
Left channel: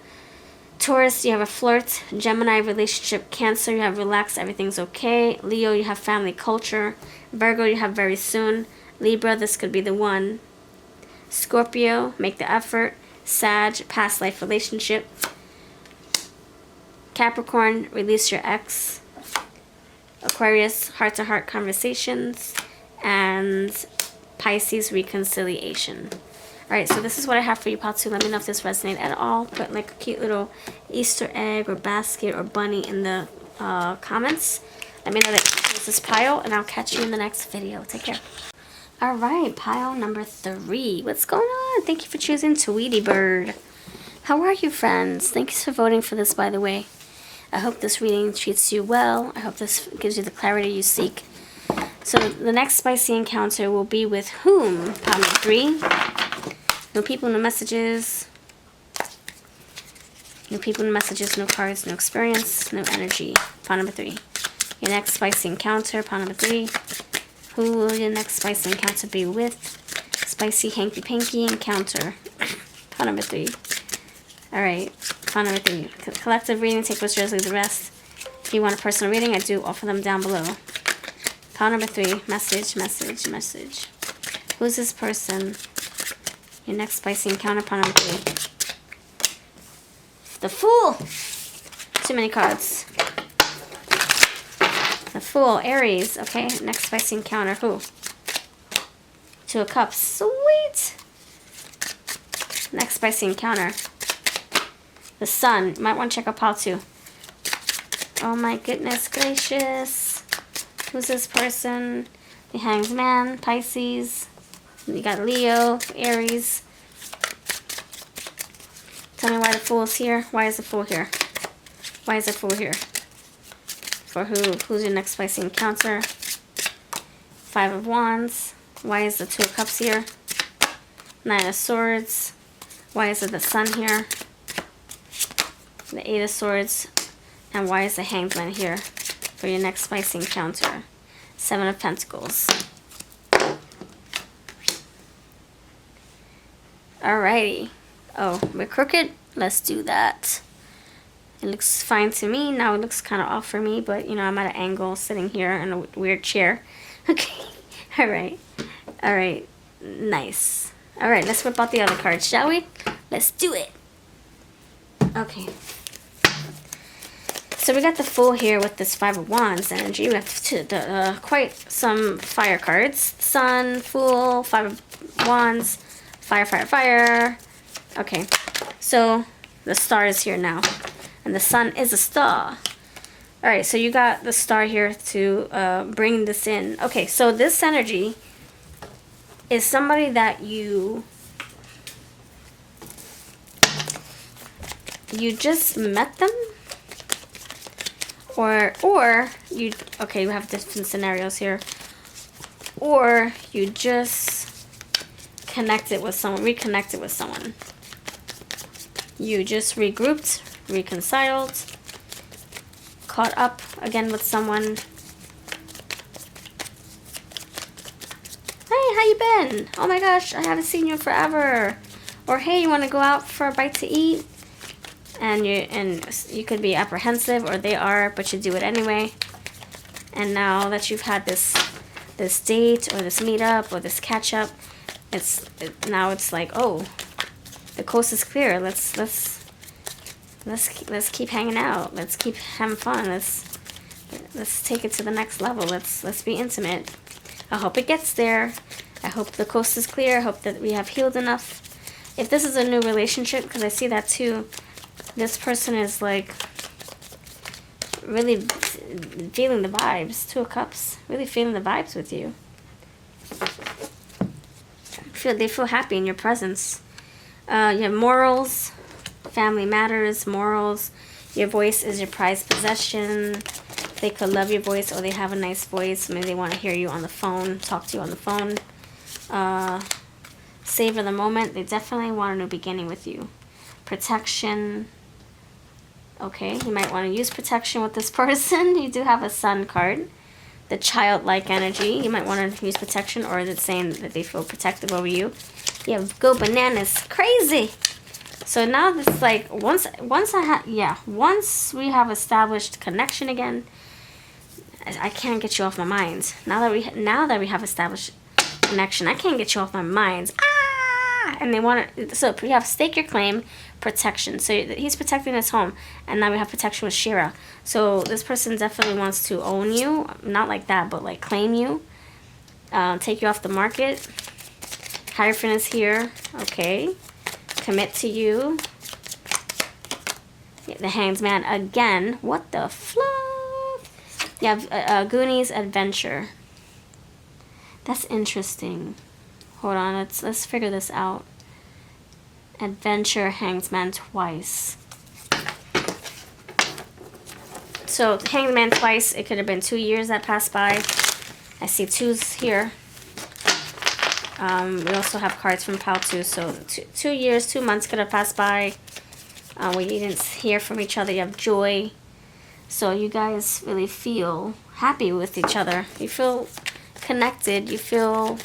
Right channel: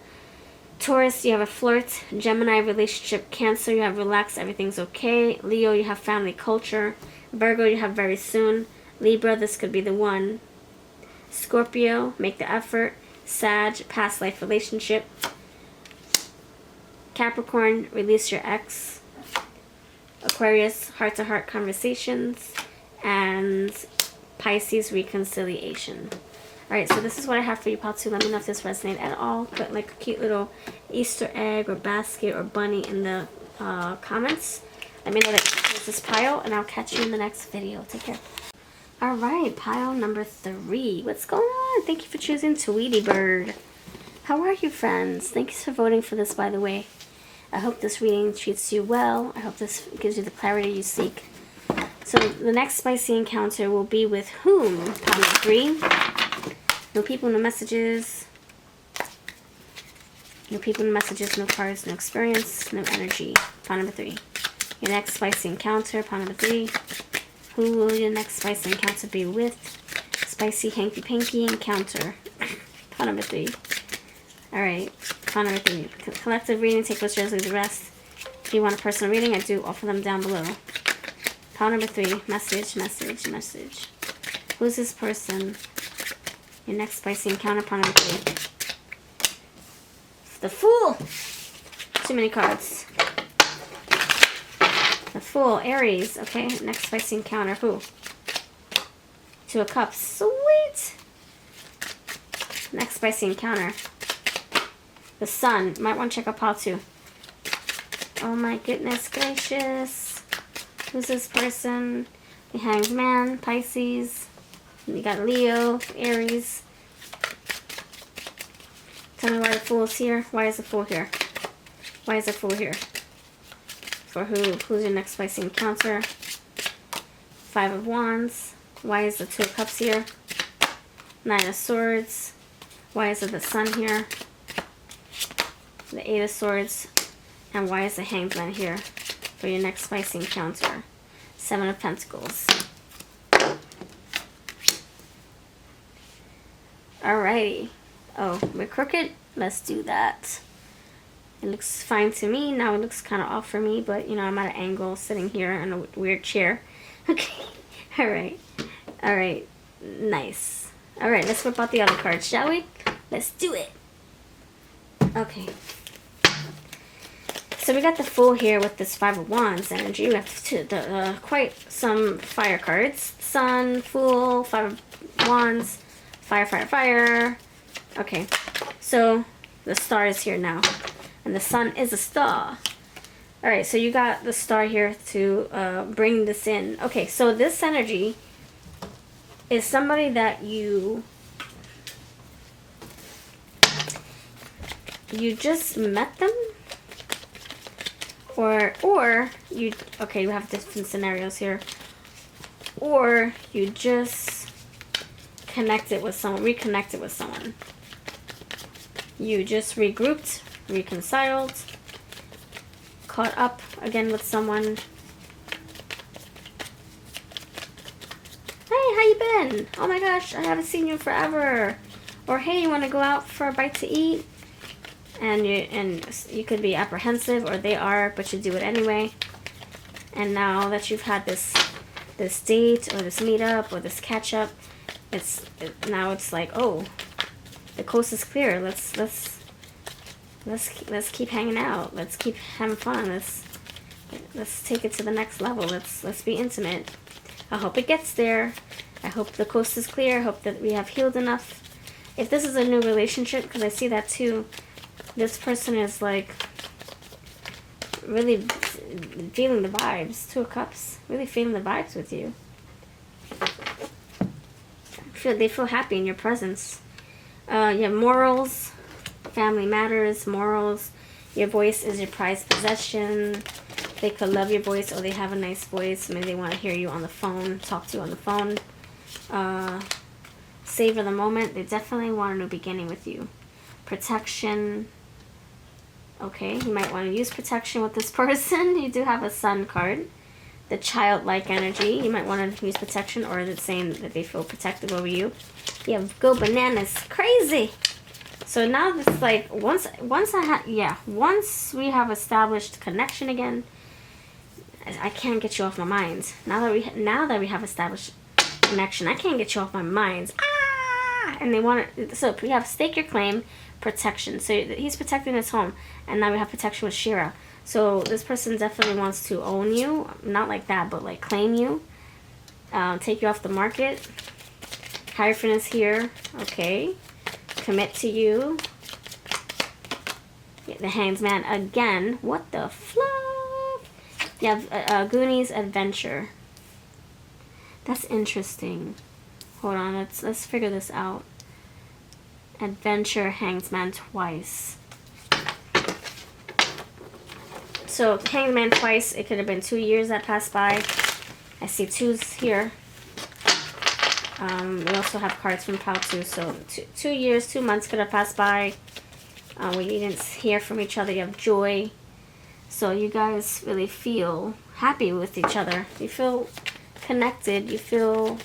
Taurus, you have a flirt. Gemini, relationship. Cancer, you have relax, everything's okay. Leo, you have family culture. Virgo, you have very soon. Libra, this could be the one. Scorpio, make the effort. Sag, past life relationship. Capricorn, release your ex. Aquarius, heart-to-heart conversations. And Pisces, reconciliation. Alright, so this is what I have for you, part 2. Let me know if this resonates at all. Put like a cute little Easter egg or basket or bunny in the comments. Let me know that this is pile, and I'll catch you in the next video. Take care. Alright, pile number 3. What's going on? Thank you for choosing Tweety Bird. How are you, friends? Thanks for voting for this, by the way. I hope this reading treats you well. I hope this gives you the clarity you seek. So the next spicy encounter will be with whom? Pile number 3. No people, no messages. No people, no messages, no cards, no experience, no energy. Pile number 3. Your next spicy encounter, pile number 3. Who will your next spicy encounter be with? Spicy hanky-panky encounter. Pile number 3. Alright, pile number 3. Collective reading, take what's yours, leave the rest. If you want a personal reading, I do offer them down below. Pile number 3. Message, message, message. Who's this person? Your next spicy encounter, pile number 3. The Fool! Too many cards. The Fool, Aries. Okay, next spicy encounter, who? 2 of Cups. Sweet! Next spicy encounter. The Sun. Might want to check out pile 2. Oh my goodness gracious. Who's this person? The Hanged Man, Pisces. You got Leo, Aries. Tell me why the Fool's here. Why is the Fool here? Why is the Fool here? For who? Who's your next spicy encounter? 5 of Wands. Why is the 2 of Cups here? 9 of Swords. Why is it the Sun here? The 8 of Swords. And why is the Hanged Man here for your next spicy encounter? 7 of Pentacles. Alrighty. Oh, we're crooked? Let's do that. It looks fine to me. Now it looks kind of off for me, but you know, I'm at an angle sitting here in a weird chair. Okay. Alright. Alright. Nice. Alright, let's whip out the other cards, shall we? Let's do it. Okay. So we got the Fool here with this Five of Wands energy. We got quite some fire cards. Sun, Fool, Five of Wands, Fire, Fire, Fire. Okay, so the Star is here now. And the Sun is a star. Alright, so you got the Star here to bring this in. Okay, so this energy is somebody that you just met them. Or you, okay, you have different scenarios here. Or you just connected with someone, reconnected with someone. You just regrouped, reconciled, caught up again with someone. Hey, how you been? Oh my gosh, I haven't seen you forever. Or hey, you want to go out for a bite to eat? And you could be apprehensive, or they are, but you do it anyway. And now that you've had this date or this meetup or this catch up, now it's like, oh, the coast is clear. Let's keep hanging out. Let's keep having fun. Let's take it to the next level. Let's be intimate. I hope it gets there. I hope the coast is clear. I hope that we have healed enough. If this is a new relationship, because I see that too. This person is like really feeling the vibes. Two of Cups. Really feeling the vibes with you. They feel happy in your presence. You have morals, family matters, morals. Your voice is your prized possession. They could love your voice, or they have a nice voice. Maybe they want to hear you on the phone, talk to you on the phone. Savor the moment. They definitely want a new beginning with you. Protection. Okay, you might want to use protection with this person. You do have a Sun card. The childlike energy. You might want to use protection, or it's saying that they feel protective over you. You have go bananas. Crazy. So now this like once we have established connection again, I can't get you off my mind. Now that we have established connection, I can't get you off my mind. Ah! And they want to. So we have stake your claim. Protection. So he's protecting his home, and now we have protection with Shira. So this person definitely wants to own you, not like that, but like claim you, take you off the market. Hierophant is here. Okay, commit to you. The Hanged Man again. What the fluff? You have Goonies Adventure. That's interesting. Hold on, let's figure this out. Adventure, Hanged Man twice. So Hanged Man twice, it could have been 2 years that passed by. I see 2s here. We also have cards from Pal 2, so 2 years, 2 months could have passed by. We didn't hear from each other. You have joy. So you guys really feel happy with each other. You feel connected. You feel...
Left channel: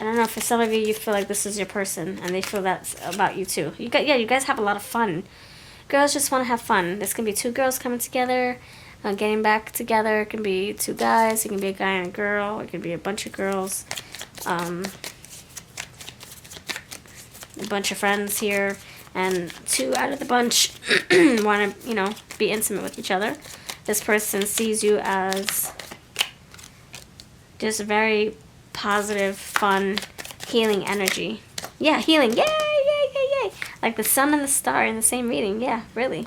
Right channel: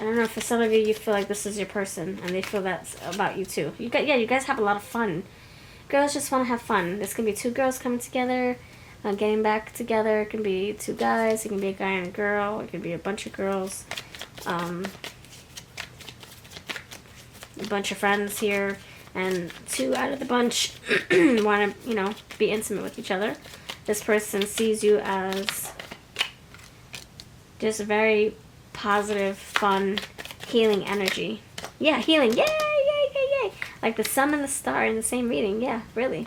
I don't know, for some of you, you feel like this is your person, and they feel that's about you too. You guys have a lot of fun. Girls just want to have fun. This can be 2 girls coming together, getting back together. It can be 2 guys. It can be a guy and a girl. It can be a bunch of girls. A bunch of friends here, and 2 out of the bunch want to, be intimate with each other. This person sees you as just very positive, fun, healing energy. Yeah, healing. Yay, yay, yay, yay. Like the Sun and the Star in the same reading. Yeah, really.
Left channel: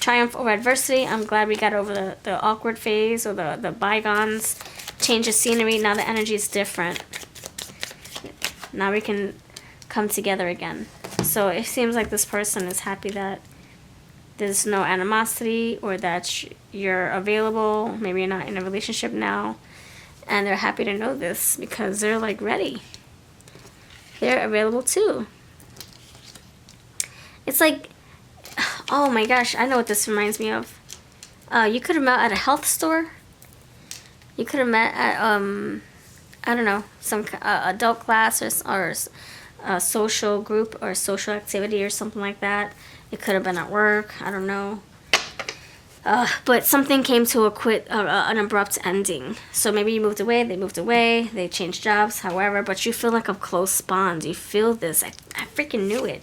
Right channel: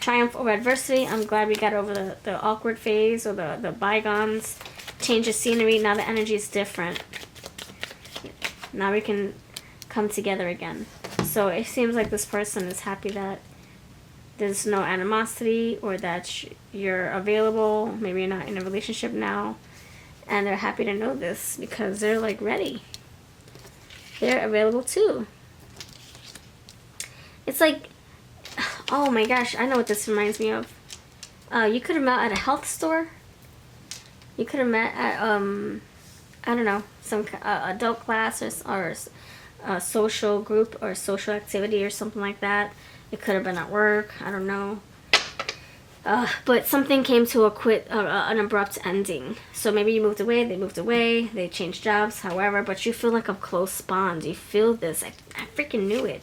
Triumph over adversity. I'm glad we got over the awkward phase or the bygones. Change of scenery. Now the energy is different. Now we can come together again. So it seems like this person is happy that there's no animosity, or that you're available. Maybe you're not in a relationship now. And they're happy to know this, because they're like ready. They're available too. It's like, oh my gosh, I know what this reminds me of. You could have met at a health store. You could have met at I don't know, some adult class or a social group or social activity or something like that. It could have been at work. I don't know. But something came to an abrupt ending. So maybe you moved away, they changed jobs, however, but you feel like a close bond. You feel this. I freaking knew it.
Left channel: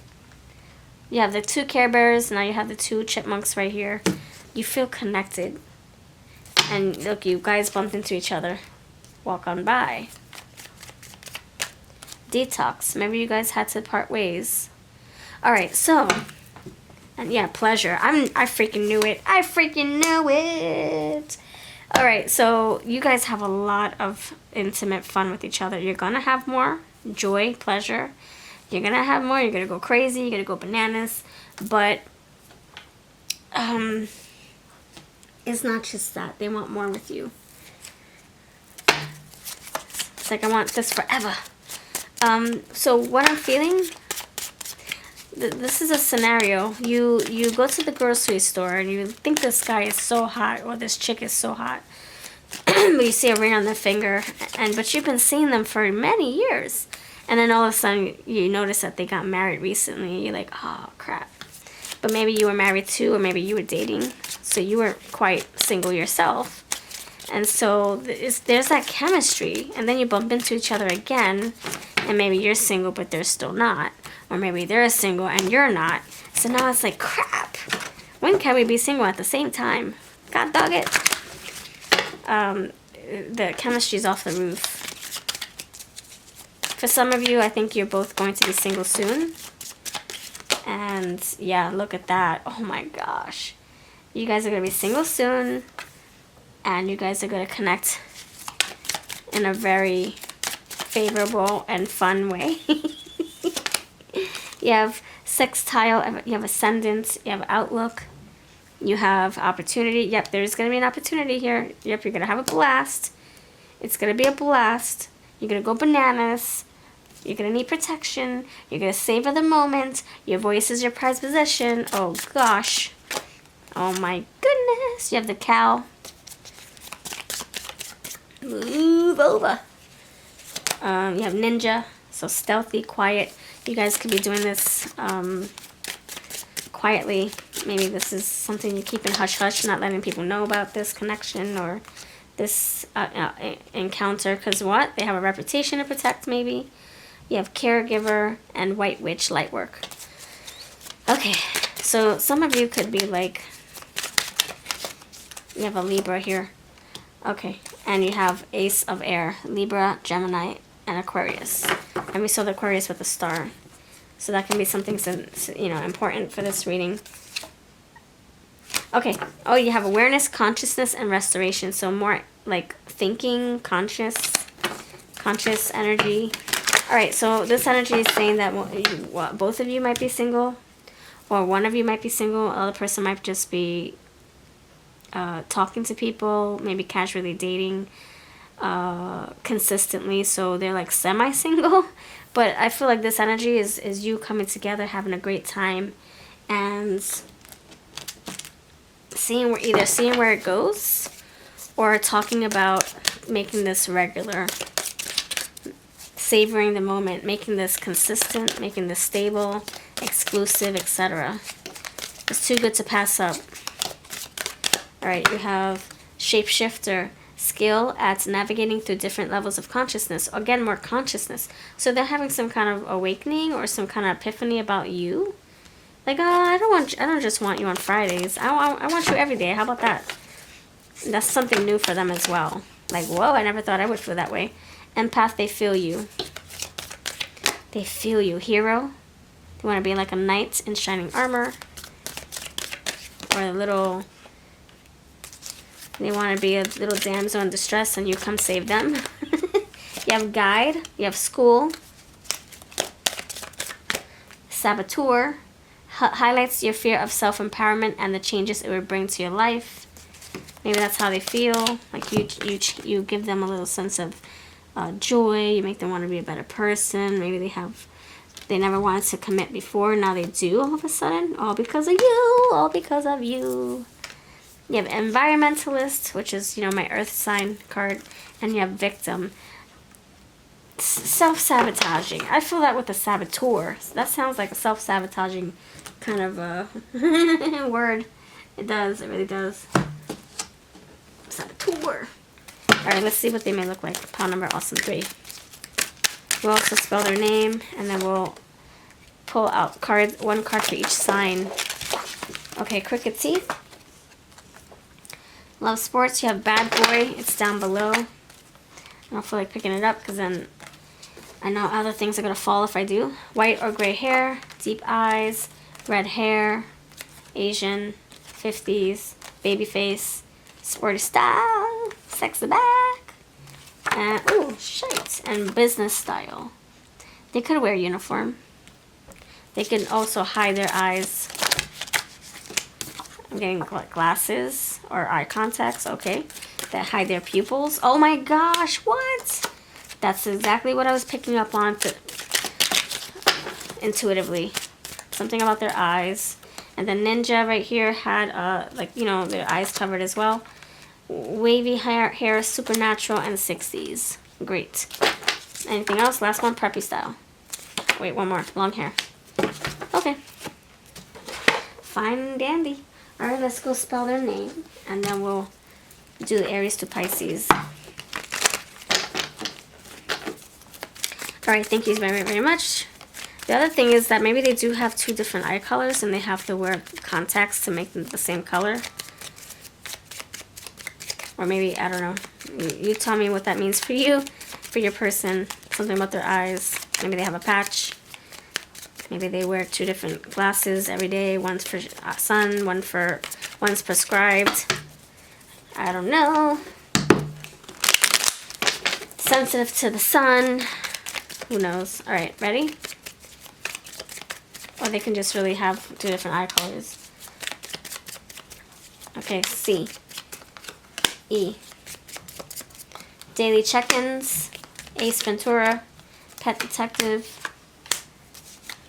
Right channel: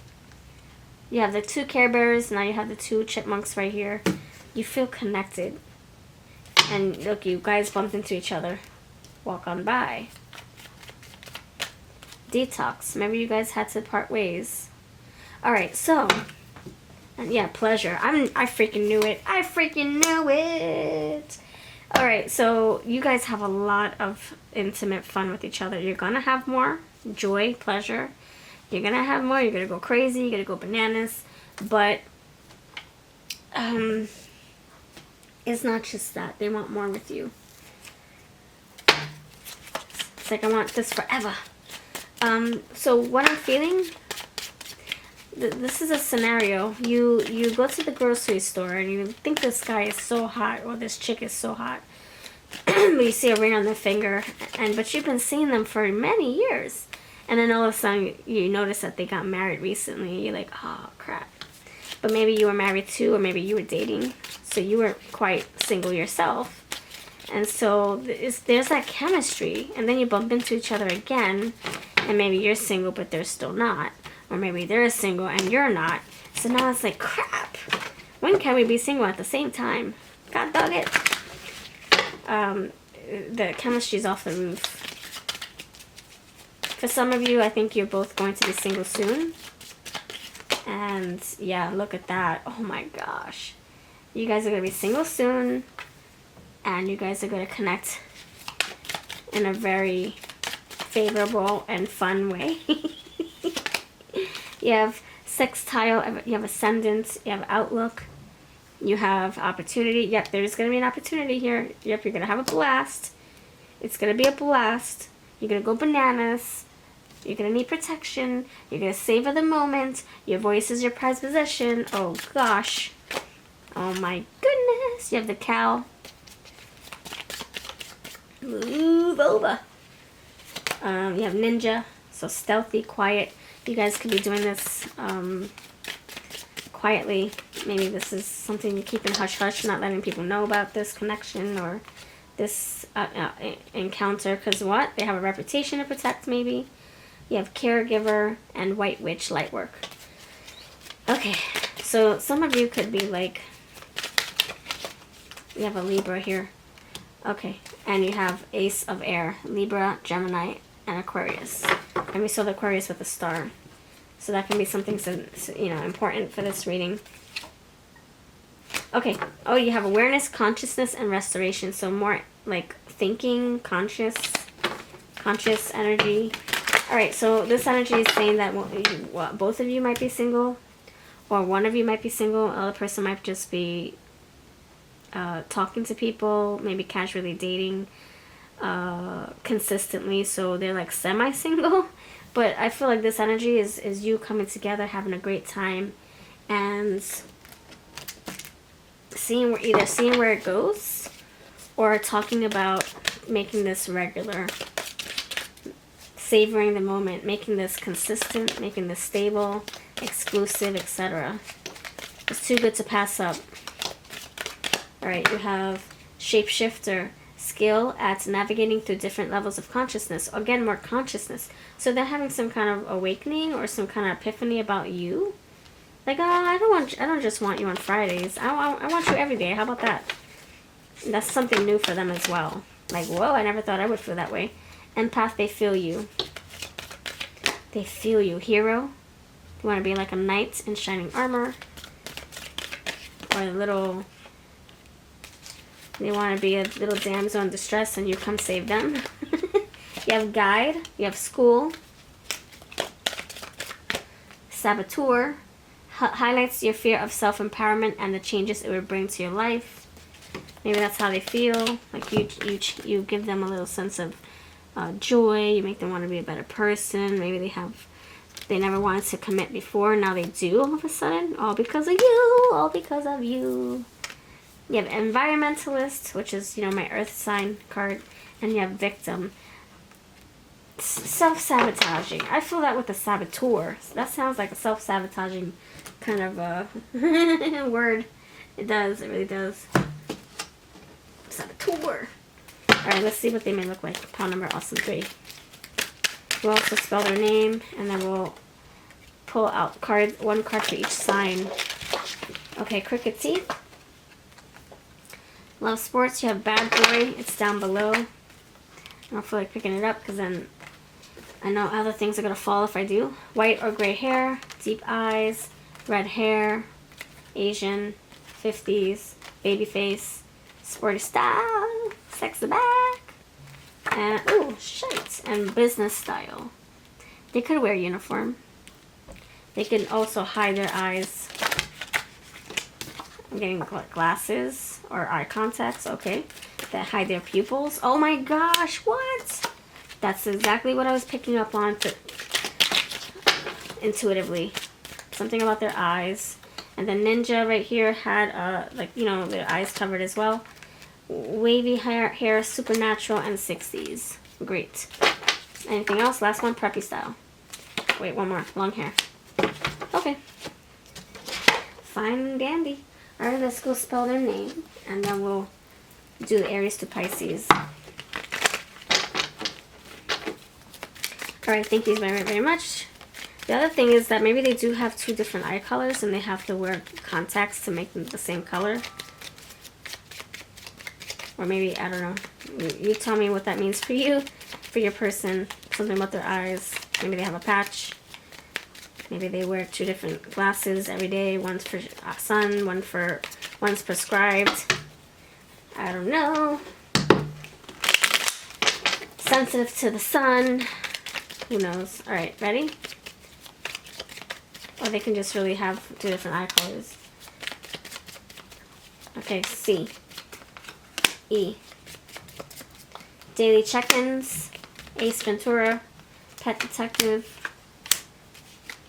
You have the 2 Care Bears, now you have the 2 chipmunks right here. You feel connected. And look, you guys bumped into each other. Walk on by. Detox. Maybe you guys had to part ways. Alright, so... And yeah, pleasure. I freaking knew it. I freaking knew it. Alright, so you guys have a lot of intimate fun with each other. You're gonna have more joy, pleasure. You're gonna have more. You're gonna go crazy. You're gonna go bananas. But it's not just that. They want more with you. It's like, I want this forever. So what I'm feeling... This is a scenario. You go to the grocery store and you think this guy is so hot or this chick is so hot. But you see a ring on their finger, but you've been seeing them for many years. And then all of a sudden you notice that they got married recently. You're like, oh crap. But maybe you were married too, or maybe you were dating. So you were quite single yourself. And so there's that chemistry. And then you bump into each other again. And maybe you're single but they're still not. Or maybe they're single and you're not. So now it's like, crap. When can we be single at the same time? God dog it. The chemistry's off the roof. For some of you, I think you're both going to be single soon. And yeah, look at that. Oh my gosh. You guys are going to be single soon. And you guys are going to connect in a very favorable and fun way. You have sextile, you have ascendant, you have outlook, you have opportunity. Yep, there's going to be an opportunity here. Yep, you're going to have a blast. It's going to be a blast. You're going to go bananas. You're going to need protection. You're going to savor the moment. Your voice is your prized possession. Oh, gosh. Oh, my goodness. You have the cow. Move over. You have ninja. So stealthy, quiet. You guys could be doing this quietly. Maybe this is something you keep in hush-hush, not letting people know about this connection or this encounter. Because what? They have a reputation to protect, maybe. You have caregiver and white witch light work. Okay, so some of you could be like, you have a Libra here. Okay, and you have Ace of Air, Libra, Gemini, and Aquarius. And we saw the Aquarius with a star. So that can be something, important for this reading. Okay. Oh, you have awareness, consciousness, and restoration. So more like thinking, conscious energy. All right. So this energy is saying that both of you might be single, or one of you might be single. The other person might just be talking to people, maybe casually dating. Consistently, so they're like semi-single, but I feel like this energy is you coming together, having a great time, and seeing where it goes, or talking about making this regular, savoring the moment, making this consistent, making this stable, exclusive, etc. It's too good to pass up. All right, you have shapeshifter. Skill at navigating through different levels of consciousness. Again, more consciousness. So they're having some kind of awakening or some kind of epiphany about you. Like, oh, I don't just want you on Fridays. I want you every day. How about that? That's something new for them as well. Like, whoa, I never thought I would feel that way. Empath, they feel you. They feel you. Hero, you want to be like a knight in shining armor. Or a little... They want to be a little damsel in distress and you come save them. You have guide. You have school. Saboteur. Highlights your fear of self-empowerment and the changes it would bring to your life. Maybe that's how they feel. Like you give them a little sense of joy. You make them want to be a better person. Maybe they never wanted to commit before. Now they do all of a sudden. All because of you. All because of you. You have environmentalist, which is, my earth sign card, and you have victim. self-sabotaging. I feel that with a saboteur. That sounds like a self-sabotaging kind of word. It does. It really does. Saboteur. Alright, let's see what they may look like. Pile number awesome 3. We'll also spell their name, and then we'll pull out one card for each sign. Okay, crooked teeth. Love sports. You have bad boy. It's down below. I don't feel like picking it up because then I know other things are going to fall if I do. White or gray hair. Deep eyes. Red hair. Asian. 50s. Baby face. Sporty style. Sexy back. And, ooh, shit. And business style. They could wear a uniform. They can also hide their eyes. I'm getting glasses or eye contacts, okay, that hide their pupils. Oh my gosh, what? That's exactly what I was picking up on intuitively. Something about their eyes. And the ninja right here had, like, you know, their eyes covered as well. Wavy hair, supernatural, and 60s. Great. Anything else? Last one, preppy style. Wait, one more. Long hair. Okay. Fine and dandy. Alright, let's go spell their name. And then we'll do Aries to Pisces. Alright, thank you very, very much. The other thing is that maybe they do have 2 different eye colors and they have to wear contacts to make them the same color. Or maybe, I don't know. You tell me what that means for you, for your person. Something about their eyes. Maybe they have a patch. Maybe they wear 2 different glasses every day. One's for sun, one's prescribed. I don't know. Sensitive to the sun. Who knows? Alright, ready? Or they can just really have 2 different eye colors. Okay, C. E. Daily check-ins. Ace Ventura. Pet detective.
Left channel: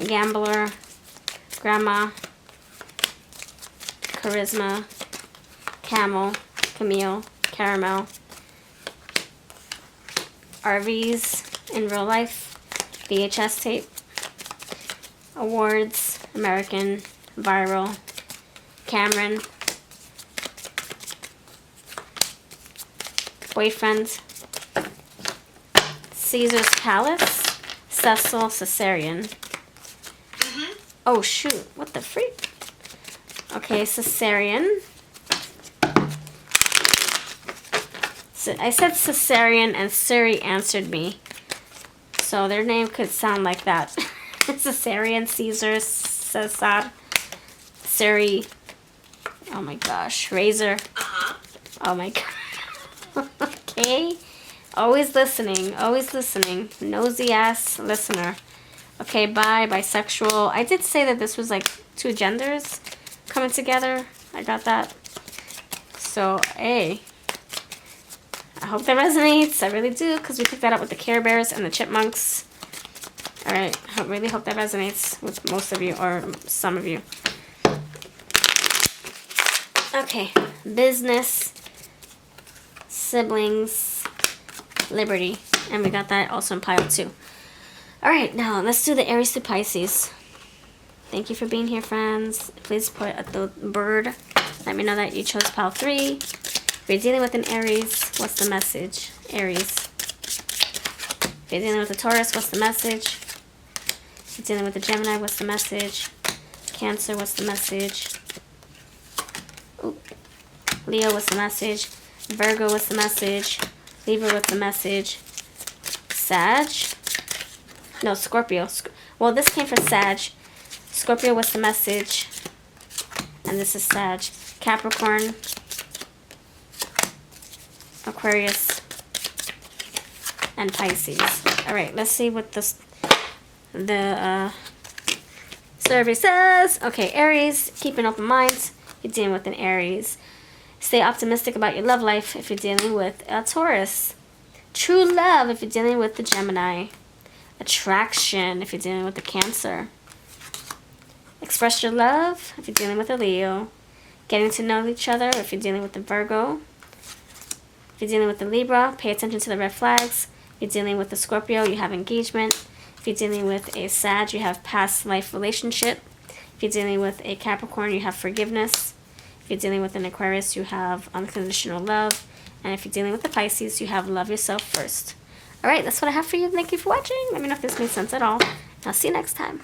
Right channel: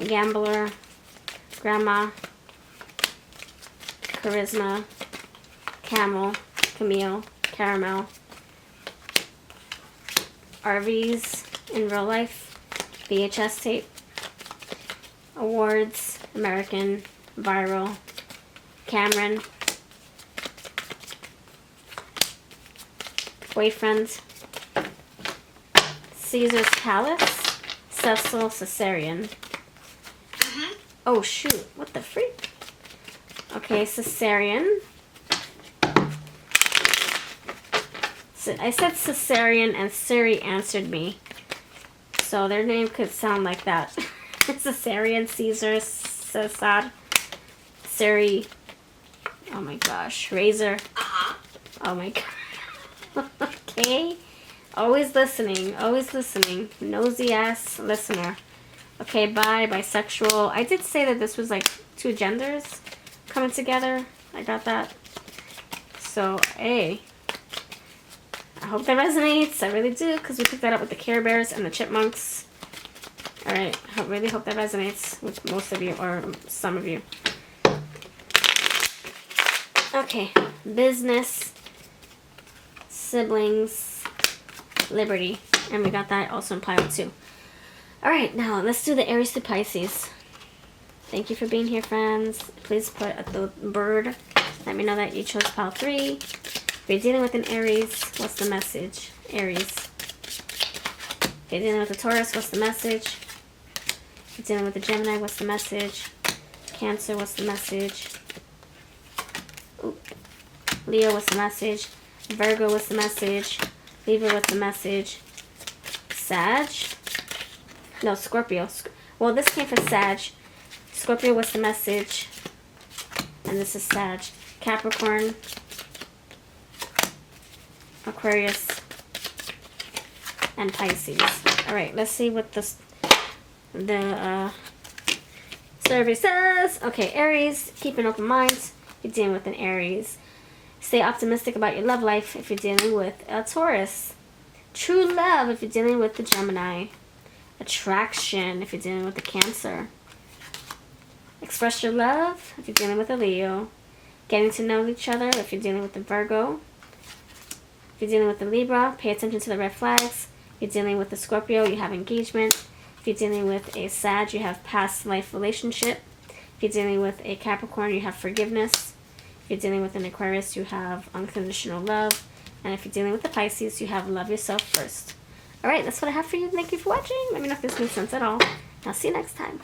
Gambler. Grandma. Charisma. Camel. Camille. Caramel. RVs in real life. VHS tape. Awards. American. Viral. Cameron. Boyfriend. Caesar's Palace. Cecil Caesarean. Oh shoot, what the freak? Okay, Caesarean. So I said Caesarean and Siri answered me. So their name could sound like that. Caesarean, Caesar, Cesar, Siri. Oh my gosh, Razor. Oh my god. Okay. Always listening, nosy ass listener. Okay, bisexual. I did say that this was like 2 genders coming together. I got that. So, hey. I hope that resonates. I really do, because we picked that up with the Care Bears and the Chipmunks. Alright, I really hope that resonates with most of you, or some of you. Okay, business, siblings, liberty. And we got that also in pile 2. Alright, now let's do the Aries to Pisces. Thank you for being here, friends. Please put the bird. Let me know that you chose pile 3. If you're dealing with an Aries, what's the message? Aries. If you're dealing with a Taurus, what's the message? If you're dealing with a Gemini, what's the message? Cancer, what's the message? Ooh. Leo, what's the message? Virgo, what's the message? Libra, what's the message? Sag? No, Scorpio. Well, this came for Sag. Scorpio, what's the message? And this is Sag. Capricorn. Aquarius. And Pisces. Alright, let's see what the survey says. Okay, Aries. Keep an open mind. You're dealing with an Aries. Stay optimistic about your love life if you're dealing with a Taurus. True love if you're dealing with the Gemini. Attraction if you're dealing with the Cancer. Express your love if you're dealing with a Leo. Getting to know each other if you're dealing with the Virgo. If you're dealing with the Libra, pay attention to the red flags. If you're dealing with a Scorpio, you have engagement. If you're dealing with a Sag, you have past life relationship. If you're dealing with a Capricorn, you have forgiveness. If you're dealing with an Aquarius, you have unconditional love. And if you're dealing with a Pisces, you have love yourself first. Alright, that's what I have for you. Thank you for watching. Let me know if this makes sense at all. I'll see you next time.